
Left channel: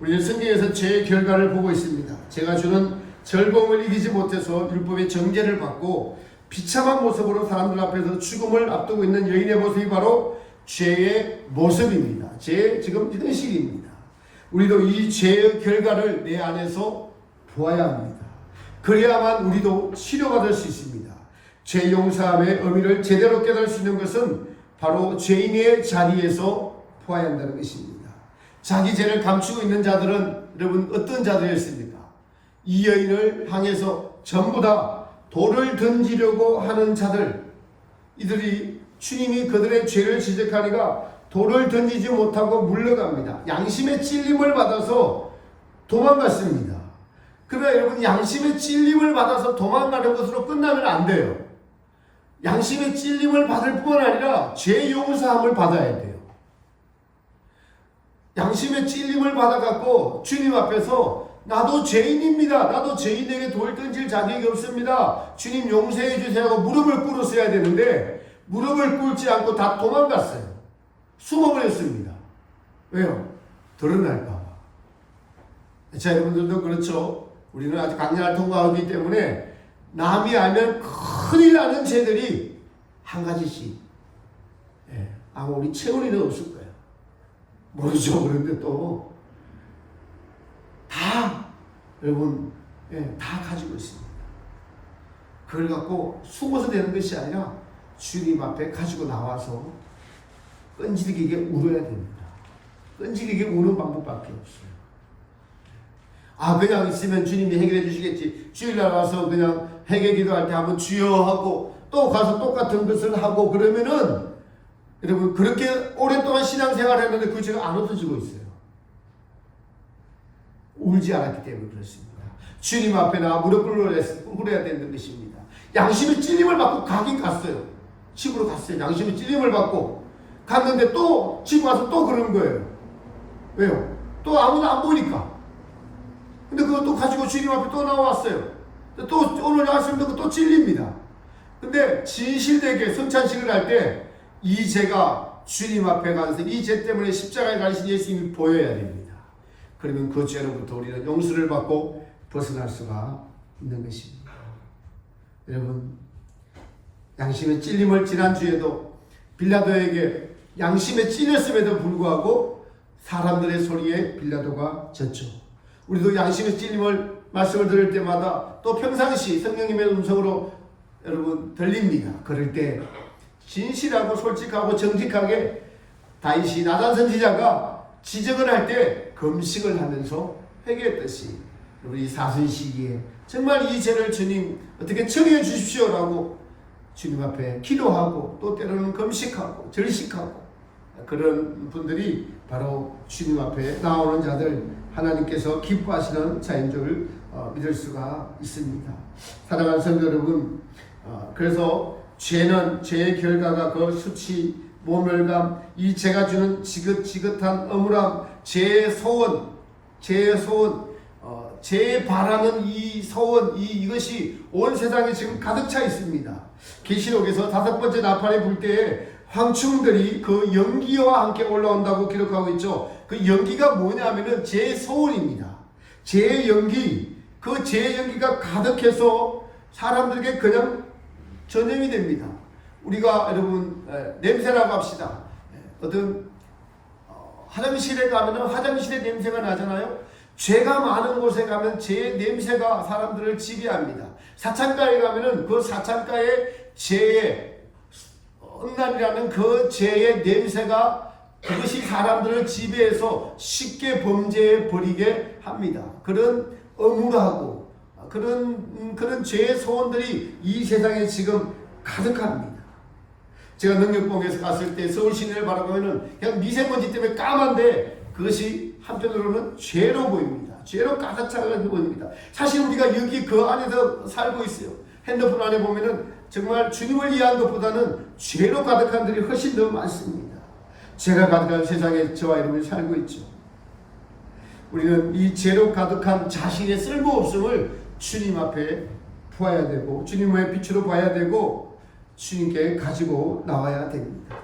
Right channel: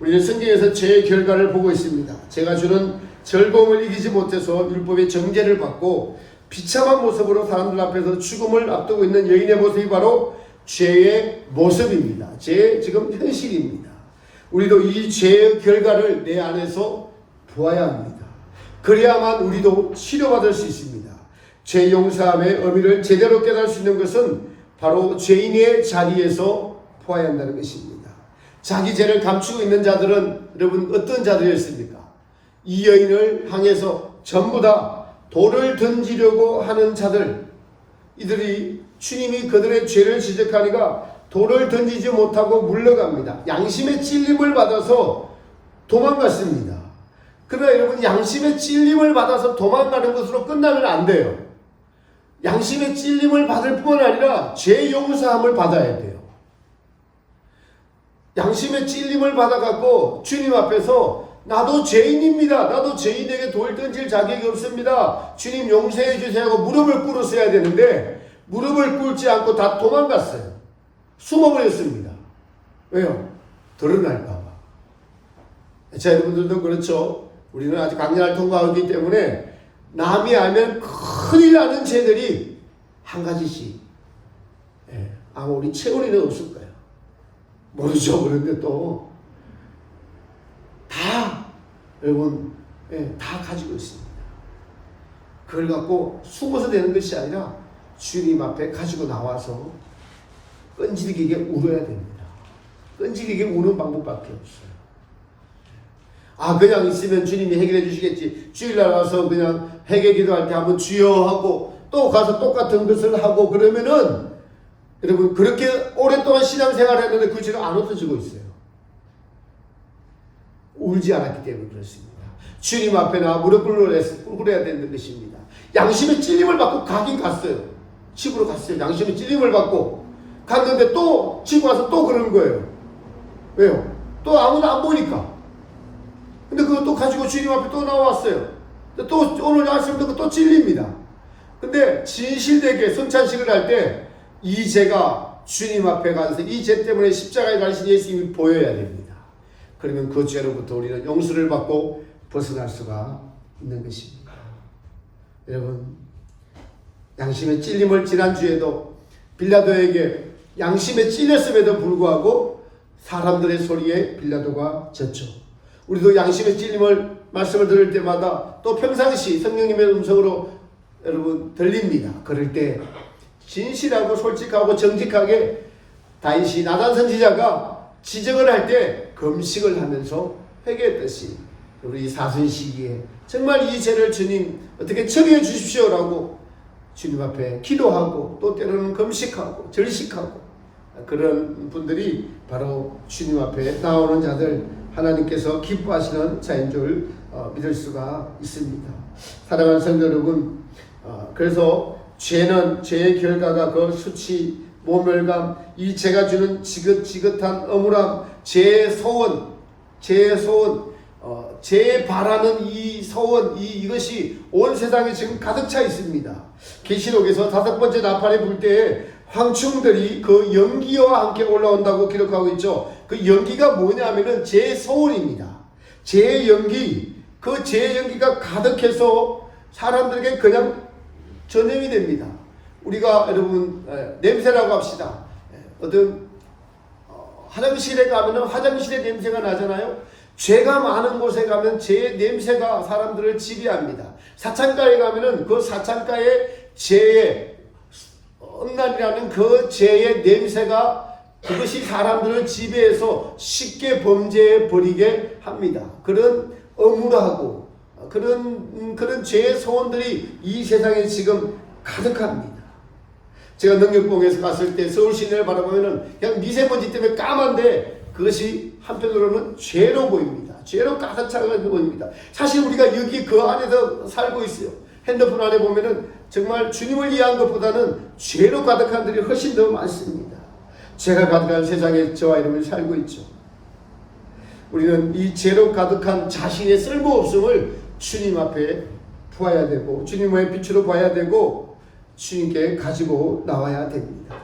우리는 성경에서 죄의 결과를 보고 있습니다. 죄가 주는 즐거움을 이기지 못해서 율법의 정죄를 받고 비참한 모습으로 사람들 앞에서 죽음을 앞두고 있는 여인의 모습이 바로 죄의 모습입니다. 죄의 지금 현실입니다. 우리도 이 죄의 결과를 내 안에서 보아야 합니다. 그래야만 우리도 치료받을 수 있습니다. 죄 용서함의 의미를 제대로 깨달을 수 있는 것은 바로 죄인의 자리에서 보아야 한다는 것입니다. 자기 죄를 감추고 있는 자들은 여러분 어떤 자들이었습니까? 이 여인을 향해서 전부 다 돌을 던지려고 하는 자들, 이들이 주님이 그들의 죄를 지적하니까 돌을 던지지 못하고 물러갑니다. 양심의 찔림을 받아서 도망갔습니다. 그러나 여러분, 양심의 찔림을 받아서 도망가는 것으로 끝나면 안 돼요. 양심의 찔림을 받을 뿐만 아니라 죄 용서함을 받아야 돼요. 양심의 찔림을 받아갖고 주님 앞에서 나도 죄인입니다. 나도 죄인에게 돌 던질 자격이 없습니다. 주님 용서해 주세요 하고 무릎을 꿇었어야 되는데 무릎을 꿇지 않고 다 도망갔어요. 숨어버렸습니다. 왜요? 드러날까봐. 자, 여러분들도 그렇죠. 우리는 아직 강렬을 통과하기 때문에 남이 알면 큰일 나는 죄들이 한 가지씩 아마 우리 채원이는 없을 거예요. 모르죠. 그런데 또 다 여러분 다 가지고 있습니다. 그걸 갖고 숨어서 되는 것이 아니라 주님 앞에 가지고 나와서 끈질기게 울어야 됩니다. 끈질기게 우는 방법밖에 없어요. 아, 그냥 있으면 주님이 해결해 주시겠지. 주일날 와서 그냥 회개 기도할 때 한번 주여 하고 또 가서 똑같은 것을 하고 그러면은 여러분 그렇게 오랫동안 신앙생활을 했는데 그 죄가 안 없어지고 있어요. 울지 않았기 때문에 그렇습니다. 주님 앞에나 무릎 꿇어야 되는 것입니다. 양심의 찔림을 받고 가긴 갔어요. 집으로 갔어요. 양심의 찔림을 받고 갔는데 또 집 와서 또 그러는 거예요. 왜요? 또 아무도 안 보니까. 근데 그거 또 가지고 주님 앞에 또 나왔어요. 또 오늘 아침 듣고 또 찔립니다. 근데 진실되게 성찬식을 할 때 이 죄가 주님 앞에 가서 이 죄 때문에 십자가에 가신 예수님이 보여야 됩니다. 그러면 그 죄로부터 우리는 용서를 받고 벗어날 수가 있는 것입니다. 여러분, 양심의 찔림을 지난주에도 빌라도에게 양심에 찔렸음에도 불구하고 사람들의 소리에 빌라도가 졌죠. 우리도 양심의 찔림을 말씀을 들을 때마다 또 평상시 성령님의 음성으로 여러분 들립니다. 그럴 때 진실하고 솔직하고 정직하게 다윗이 나단 선지자가 지적을 할 때 금식을 하면서 회개했듯이 우리 사순 시기에 정말 이 죄를 주님 어떻게 처리해 주십시오라고 주님 앞에 기도하고 또 때로는 금식하고 절식하고 그런 분들이 바로 주님 앞에 나오는 자들, 하나님께서 기뻐하시는 자인 줄 믿을 수가 있습니다. 사랑하는 성도 여러분, 그래서 죄는 죄의 결과가 그 수치, 모멸감, 이 죄가 주는 지긋지긋한 억울함, 죄의 소원, 죄에 바라는 이 소원, 이것이 온 세상에 지금 가득 차 있습니다. 계시록에서 5번째 나팔이 불 때에 황충들이 그 연기와 함께 올라온다고 기록하고 있죠. 그 연기가 뭐냐면은 죄의 소원입니다. 죄의 연기, 그 죄의 연기가 가득해서 사람들에게 그냥 전염이 됩니다. 우리가 여러분 냄새라고 합시다. 어떤 화장실에 가면은 화장실의 냄새가 나잖아요. 죄가 많은 곳에 가면 죄의 냄새가 사람들을 지배합니다. 사창가에 가면은 그 사창가의 죄의 음란이라는 그 죄의 냄새가 그것이 사람들을 지배해서 쉽게 범죄에 버리게 합니다. 그런 억울하고 그런 죄의 소원들이 이 세상에 지금 가득합니다. 제가 능력봉에서 갔을 때 서울 시내를 바라보면은 그냥 미세먼지 때문에 까만데 그것이 한편으로는 죄로 보입니다. 죄로 가득 차게 보입니다. 사실 우리가 여기 그 안에서 살고 있어요. 핸드폰 안에 보면은 정말 주님을 위한 것보다는 죄로 가득한 들이 훨씬 더 많습니다. 죄가 가득한 세상에 저와 여러분이 살고 있죠. 우리는 이 죄로 가득한 자신의 쓸모없음을 주님 앞에 보아야 되고 주님의 빛으로 봐야 되고 주님께 가지고 나와야 됩니다.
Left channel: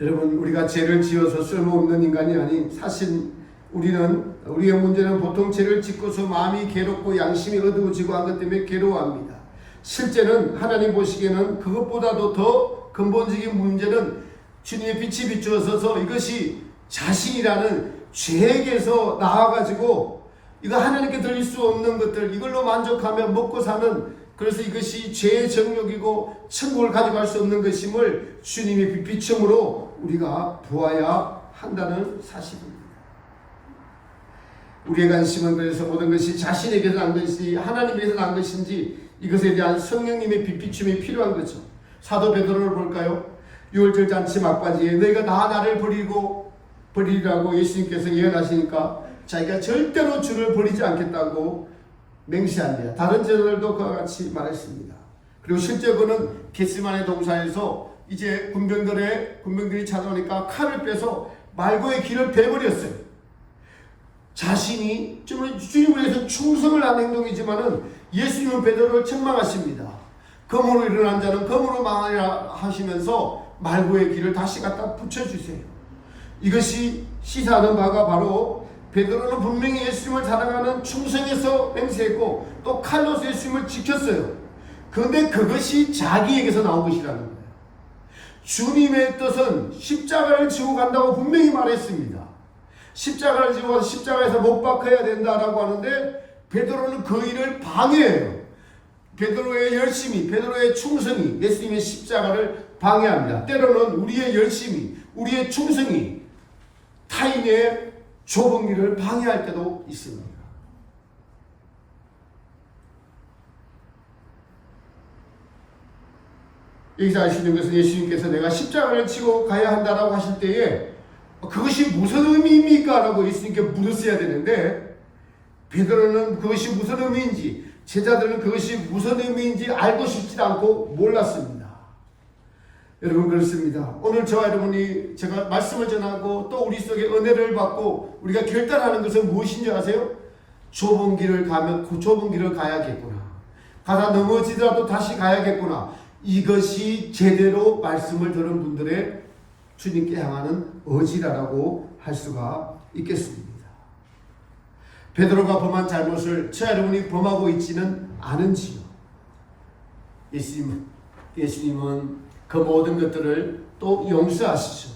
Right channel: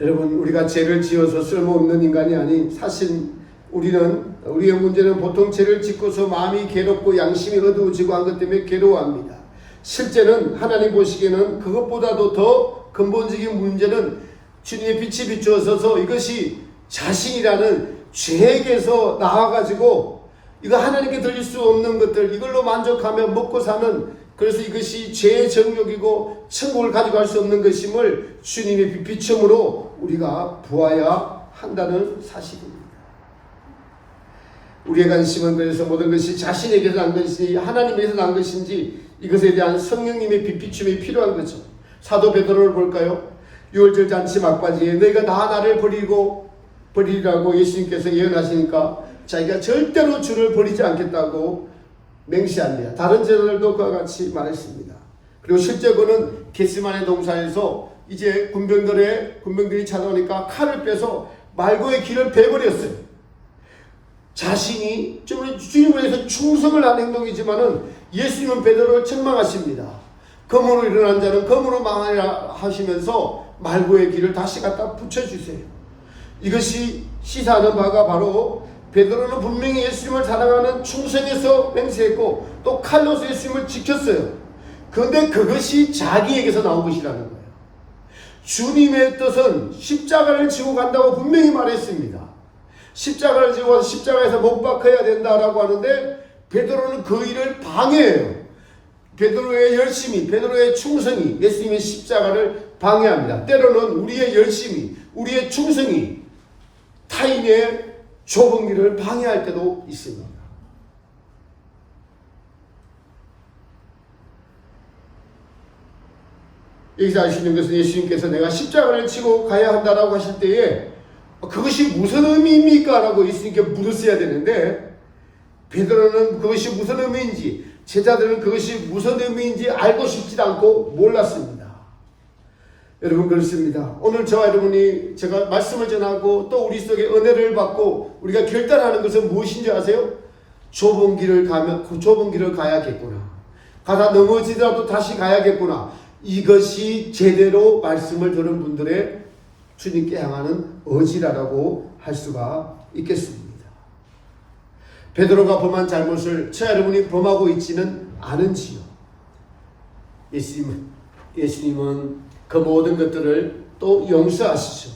여러분, 우리가 죄를 지어서 쓸모없는 인간이 아닌, 사실 우리의 문제는 보통 죄를 짓고서 마음이 괴롭고 양심이 어두워지고 한 것 때문에 괴로워합니다. 실제는 하나님 보시기에는 그것보다도 더 근본적인 문제는 주님의 빛이 비추어서 이것이 자신이라는 죄에게서 나와가지고 이거 하나님께 드릴 수 없는 것들, 이걸로 만족하며 먹고 사는, 그래서 이것이 죄의 정욕이고 천국을 가져갈 수 없는 것임을 주님의 비춤으로 우리가 보아야 한다는 사실입니다. 우리의 관심은 그래서 모든 것이 자신에게서 난 것인지 하나님에게서 난 것인지 이것에 대한 성령님의 빛비춤이 필요한 거죠. 사도 베드로를 볼까요? 6월절 잔치 막바지에 너희가 나를 버리라고 예수님께서 예언하시니까 자기가 절대로 주를 버리지 않겠다고 맹세합니다. 다른 제자들도 그와 같이 말했습니다. 그리고 실제 그는 겟세마네 동산에서 이제 군병들이 찾아오니까 칼을 빼서 말고의 길을 베버렸어요. 자신이 주님을 위해서 충성을 한 행동이지만은 예수님은 베드로를 책망하십니다. 검으로 일어난 자는 검으로 망하리라 하시면서 말고의 길을 다시 갖다 붙여주세요. 이것이 시사하는 바가 바로 베드로는 분명히 예수님을 사랑하는 충성에서 맹세했고 또 칼로서 예수님을 지켰어요. 그런데 그것이 자기에게서 나온 것이라는 거예요. 주님의 뜻은 십자가를 지고 간다고 분명히 말했습니다. 십자가를 지고 가서 십자가에서 못 박혀야 된다라고 하는데 베드로는 그 일을 방해해요. 베드로의 열심이, 베드로의 충성이 예수님의 십자가를 방해합니다. 때로는 우리의 열심이, 우리의 충성이 타인의 좁은 길을 방해할 때도 있습니다. 여기서 아시는 것은 예수님께서 내가 십자가를 지고 가야 한다라고 하실 때에 그것이 무슨 의미입니까? 라고 예수님께 물었어야 되는데 베드로는 그것이 무슨 의미인지, 제자들은 그것이 무슨 의미인지 알고 싶지 않고 몰랐습니다. 여러분, 그렇습니다. 오늘 저와 여러분이 제가 말씀을 전하고 또 우리 속에 은혜를 받고 우리가 결단하는 것은 무엇인지 아세요? 좁은 길을 가야겠구나. 가다 넘어지더라도 다시 가야겠구나. 이것이 제대로 말씀을 들은 분들의 주님께 향하는 의지라고 할 수가 있겠습니다. 베드로가 범한 잘못을 저와 여러분이 범하고 있지는 않은지요? 예수님은 그 모든 것들을 또 용서하시죠.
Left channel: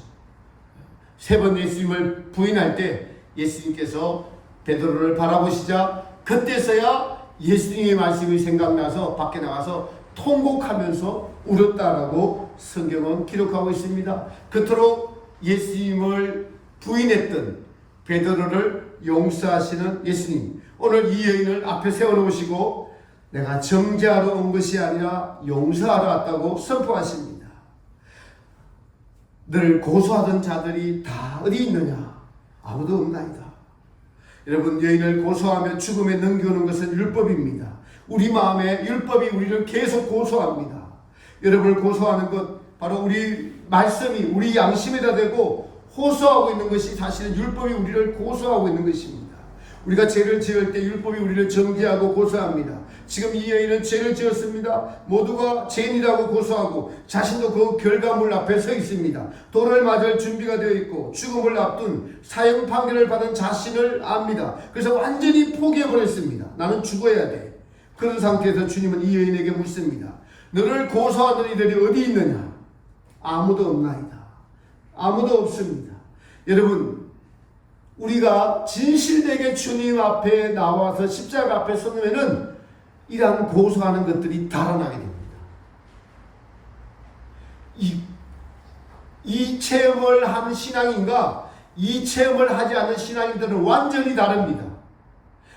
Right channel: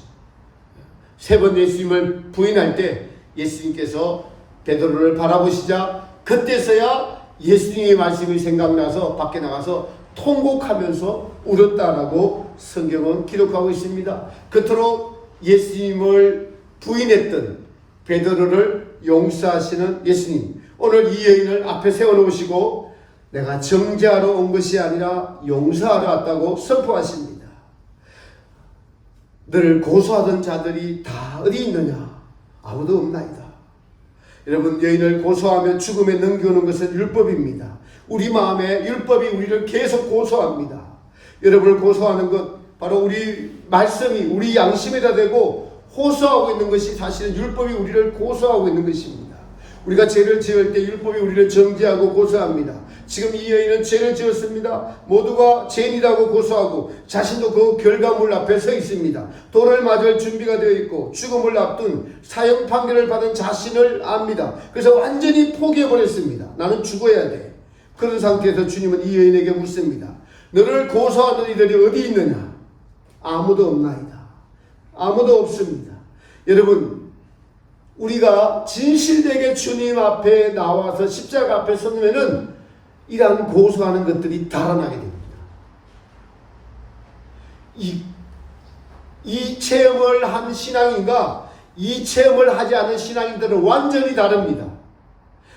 3번 예수님을 부인할 때 예수님께서 베드로를 바라보시자 그때서야 예수님의 말씀이 생각나서 밖에 나가서 통곡하면서 울었다라고 성경은 기록하고 있습니다. 그토록 예수님을 부인했던 베드로를 용서하시는 예수님, 오늘 이 여인을 앞에 세워놓으시고 내가 정죄하러 온 것이 아니라 용서하러 왔다고 선포하십니다. 너를 고소하던 자들이 다 어디 있느냐? 아무도 없나이다. 여러분, 여인을 고소하며 죽음에 넘겨오는 것은 율법입니다. 우리 마음에 율법이 우리를 계속 고소합니다. 여러분을 고소하는 것, 바로 우리 말씀이 우리 양심에다 대고 호소하고 있는 것이 사실은 율법이 우리를 고소하고 있는 것입니다. 우리가 죄를 지을 때 율법이 우리를 정죄하고 고소합니다. 지금 이 여인은 죄를 지었습니다. 모두가 죄인이라고 고소하고 자신도 그 결과물 앞에 서 있습니다. 돌을 맞을 준비가 되어 있고 죽음을 앞둔 사형 판결을 받은 자신을 압니다. 그래서 완전히 포기해버렸습니다. 나는 죽어야 돼. 그런 상태에서 주님은 이 여인에게 묻습니다. 너를 고소하는 이들이 어디 있느냐? 아무도 없나이다. 아무도 없습니다. 여러분, 우리가 진실되게 주님 앞에 나와서 십자가 앞에 서면은 이러한 고소하는 것들이 달아나게 됩니다. 이 체험을 한 신앙인과 이 체험을 하지 않은 신앙인들은 완전히 다릅니다.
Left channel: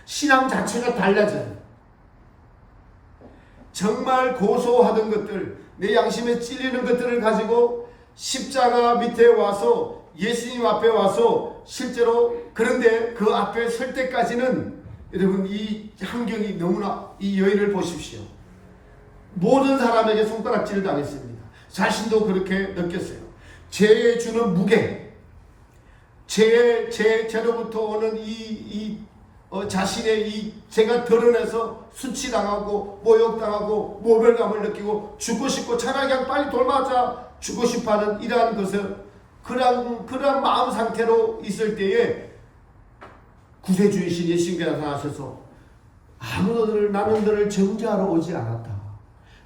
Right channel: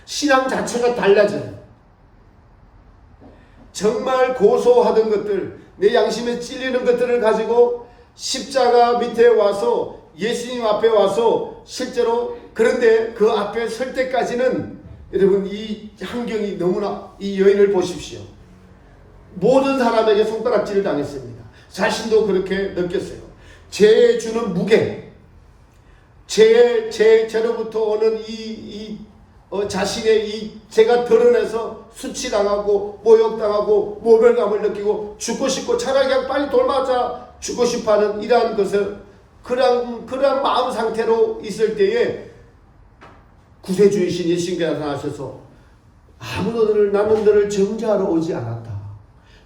신앙 자체가 달라져요. 정말 고소하던 것들, 내 양심에 찔리는 것들을 가지고 십자가 밑에 와서 예수님 앞에 와서 실제로, 그런데 그 앞에 설 때까지는 여러분 이 환경이 너무나, 이 여인을 보십시오. 모든 사람에게 손가락질을 당했습니다. 자신도 그렇게 느꼈어요. 죄에 주는 무게, 죄로부터 오는 자신의 이 죄가 드러내서 수치당하고 모욕당하고 모멸감을 느끼고 죽고 싶고 차라리 그냥 빨리 돌아가자 죽고 싶어하는 이러한 것을, 그러한 마음 상태로 있을 때에 구세주이신 예수님께서 나타나셔서 나는 너를 정죄하러 오지 않았다.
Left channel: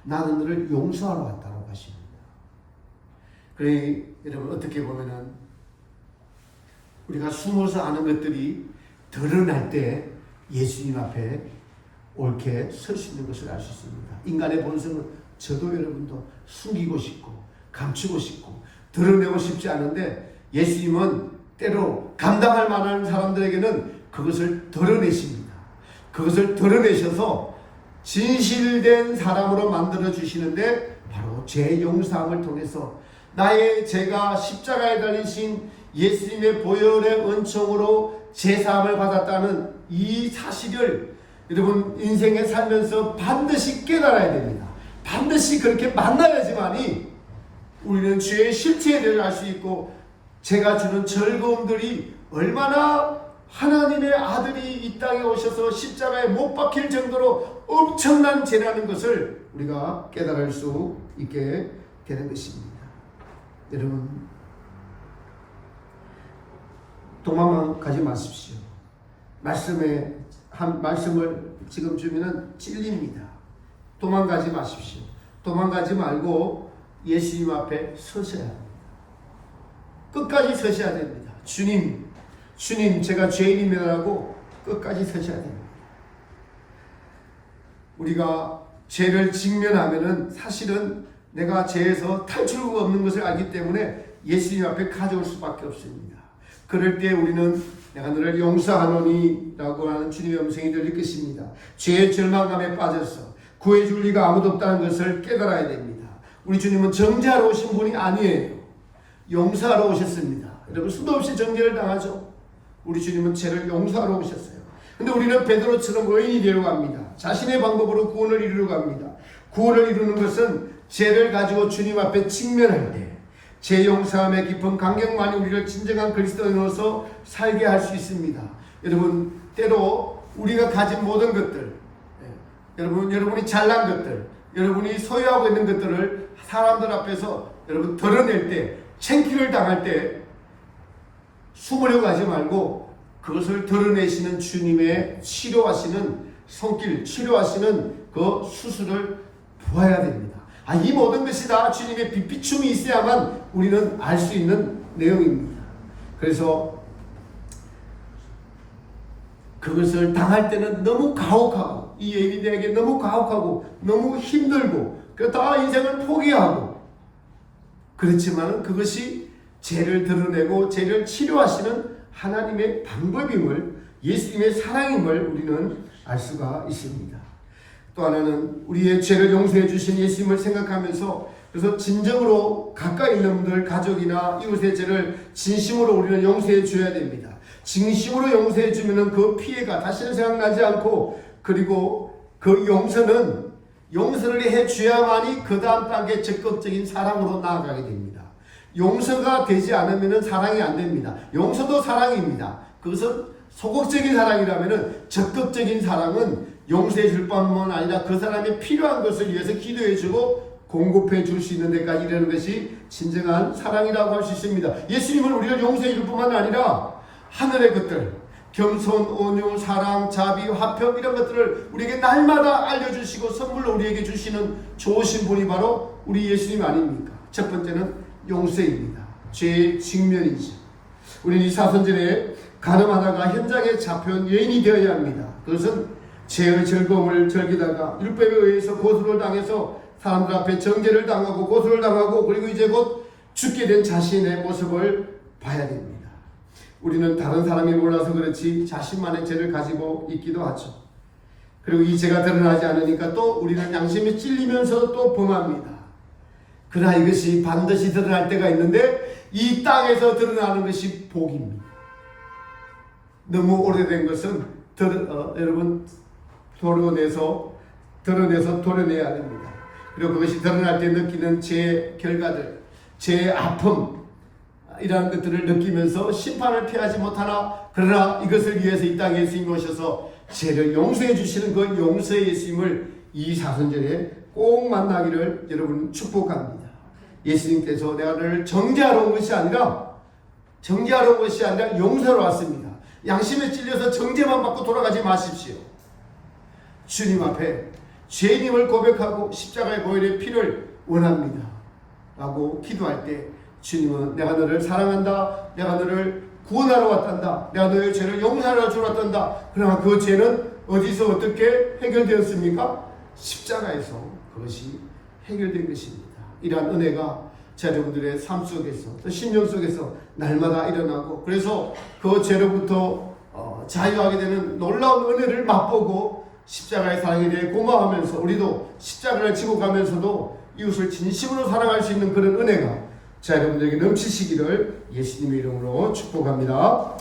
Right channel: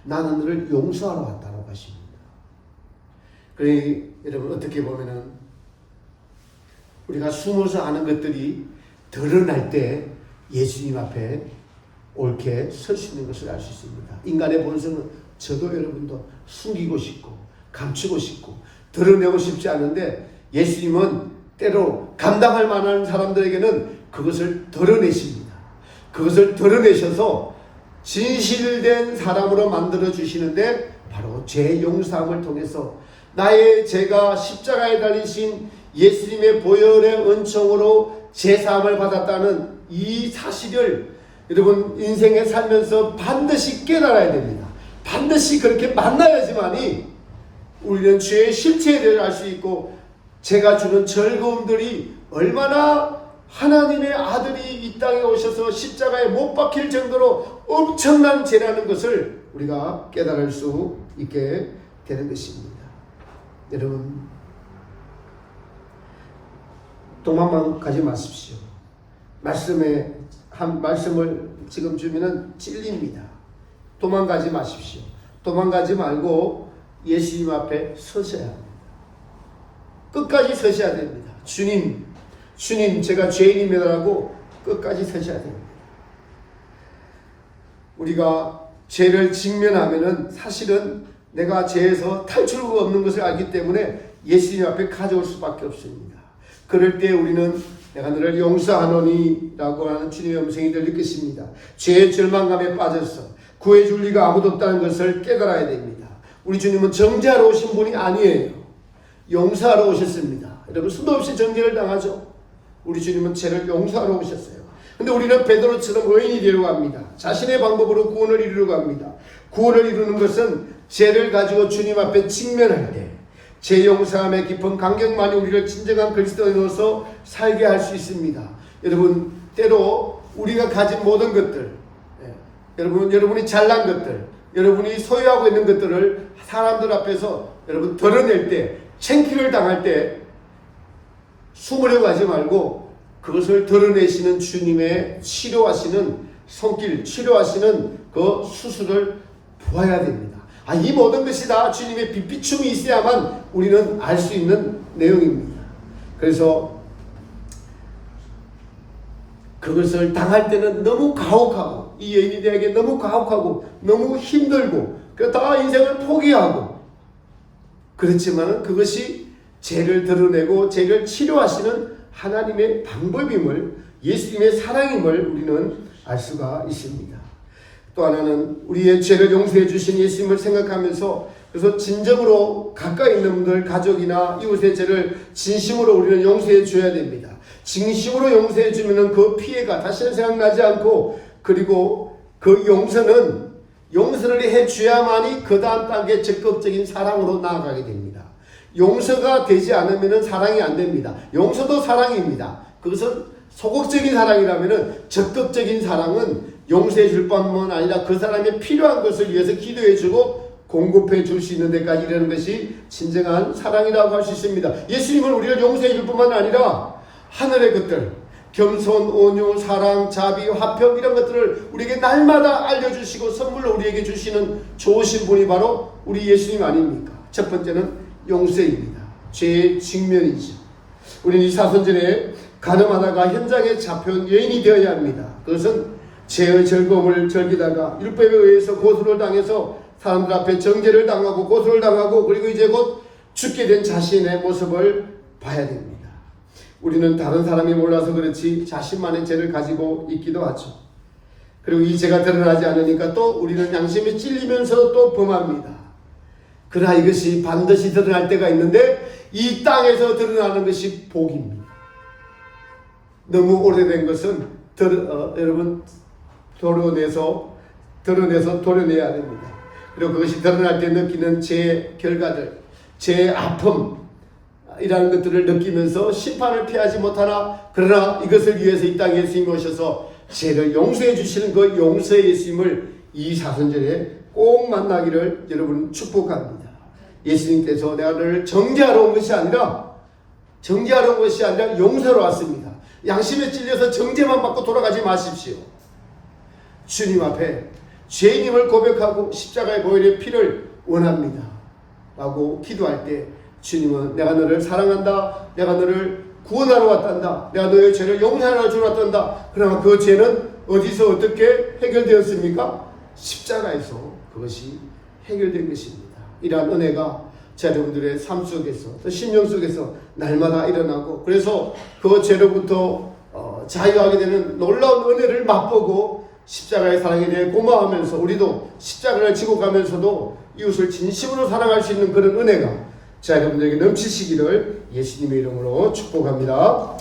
나는 너를 용서하러 왔다고 하십니다. 그러니 여러분 어떻게 보면은 우리가 숨어서 아는 것들이 드러날 때 예수님 앞에 옳게 설 수 있는 것을 알 수 있습니다. 인간의 본성은 저도 여러분도 숨기고 싶고 감추고 싶고 드러내고 싶지 않은데 예수님은 때로 감당할 만한 사람들에게는 그것을 드러내십니다. 그것을 드러내셔서 진실된 사람으로 만들어 주시는데 바로 죄 용서함을 통해서 나의 죄가 십자가에 달리신 예수님의 보혈의 은총으로 제사함을 받았다는 이 사실을 여러분 인생에 살면서 반드시 깨달아야 됩니다. 반드시 그렇게 만나야지만이 우리는 죄의 실체에 대해 알 수 있고 죄가 주는 즐거움들이 얼마나 하나님의 아들이 이 땅에 오셔서 십자가에 못 박힐 정도로 엄청난 죄라는 것을 우리가 깨달을 수 있게 되는 것입니다. 여러분 도망만 가지 마십시오. 말씀을 지금 주면은 찔립니다. 도망가지 마십시오. 도망가지 말고 예수님 앞에 서셔야 합니다. 끝까지 서셔야 됩니다. 주님 제가 죄인입니다라고 끝까지 서셔야 됩니다. 우리가 죄를 직면하면은 사실은 내가 죄에서 탈출구가 없는 것을 알기 때문에 예수님 앞에 가져올 수밖에 없습니다. 그럴 때 우리는 내가 너를 용서하노니 라고 하는 주님의 음성이 들릴 것입니다. 죄의 절망감에 빠져서 구해줄 리가 아무도 없다는 것을 깨달아야 됩니다. 우리 주님은 정죄하러 오신 분이 아니에요. 용서하러 오셨습니다. 여러분 수도 없이 정죄를 당하죠. 우리 주님은 죄를 용서하러 오셨어요. 근데 우리는 베드로처럼 의인이 되려고 합니다. 자신의 방법으로 구원을 이루려고 합니다. 구원을 이루는 것은 죄를 가지고 주님 앞에 직면할 때 죄 용서함의 깊은 감격만이 우리를 진정한 그리스도인으로서 살게 할 수 있습니다. 여러분 때로 우리가 가진 모든 것들, 여러분이 잘난 것들, 여러분이 소유하고 있는 것들을 사람들 앞에서 여러분 드러낼 때, 창피를 당할 때 숨으려고 하지 말고 그것을 드러내시는 주님의 치료하시는 손길, 치료하시는 그 수술을 보아야 됩니다. 이 모든 것이 다 주님의 빛비춤이 있어야만 우리는 알 수 있는 내용입니다. 그래서 그것을 당할 때는 너무 가혹하고 이 여인이 되게 너무 가혹하고 너무 힘들고 다 인생을 포기하고 그렇지만 그것이 죄를 드러내고 죄를 치료하시는 하나님의 방법임을, 예수님의 사랑임을 우리는 알 수가 있습니다. 또 하나는 우리의 죄를 용서해 주신 예수님을 생각하면서 그래서 진정으로 가까이 있는 분들, 가족이나 이웃의 죄를 진심으로 우리는 용서해 줘야 됩니다. 진심으로 용서해 주면 그 피해가 다시는 생각나지 않고, 그리고 그 용서를 해 줘야만이 그 다음 단계 적극적인 사랑으로 나아가게 됩니다. 용서가 되지 않으면 사랑이 안 됩니다. 용서도 사랑입니다. 그것은 소극적인 사랑이라면 적극적인 사랑은 용서해 줄 뿐만 아니라 그 사람이 필요한 것을 위해서 기도해 주고 공급해 줄 수 있는 데까지 이르는 것이 진정한 사랑이라고 할 수 있습니다. 예수님은 우리를 용서해 줄 뿐만 아니라 하늘의 것들, 겸손, 온유, 사랑, 자비, 화평 이런 것들을 우리에게 날마다 알려주시고 선물로 우리에게 주시는 좋으신 분이 바로 우리 예수님 아닙니까? 첫 번째는 용서입니다. 죄의 직면이죠. 우리는 이 사순절에 가늠하다가 현장에 잡혀온 여인이 되어야 합니다. 그것은 죄의 즐거움을 즐기다가 율법에 의해서 고소를 당해서 사람들 앞에 정죄를 당하고 고소를 당하고 그리고 이제 곧 죽게 된 자신의 모습을 봐야 됩니다. 우리는 다른 사람이 몰라서 그렇지 자신만의 죄를 가지고 있기도 하죠. 그리고 이 죄가 드러나지 않으니까 또 우리는 양심에 찔리면서 또 범합니다. 그러나 이것이 반드시 드러날 때가 있는데 이 땅에서 드러나는 것이 복입니다. 너무 오래된 것은 여러분 드러내서 도려내야 됩니다. 그리고 그것이 드러날 때 느끼는 죄의 결과들, 죄의 아픔 이라는 것들을 느끼면서 심판을 피하지 못하나 그러나 이것을 위해서 이 땅에 예수님이 오셔서 죄를 용서해 주시는 그 용서의 예수님을 이 사순절에 꼭 만나기를 여러분 축복합니다. 예수님께서 내가 너를 정죄하러 온 것이 아니라 용서하러 왔습니다. 양심에 찔려서 정죄만 받고 돌아가지 마십시오. 주님 앞에 죄인임을 고백하고 십자가의 보혈의 피를 원합니다 라고 기도할 때 주님은 내가 너를 사랑한다, 내가 너를 구원하러 왔단다, 내가 너의 죄를 용서하러 주러 왔단다. 그러나 그 죄는 어디서 어떻게 해결되었습니까? 십자가에서 그것이 해결된 것입니다. 이러한 은혜가 여러분들의 삶 속에서 또 심령 속에서 날마다 일어나고 그래서 그 죄로부터 자유하게 되는 놀라운 은혜를 맛보고 십자가의 사랑에 대해 고마워하면서 우리도 십자가를 지고 가면서도 이웃을 진심으로 사랑할 수 있는 그런 은혜가 여러분들에게 넘치시기를 예수님의 이름으로 축복합니다.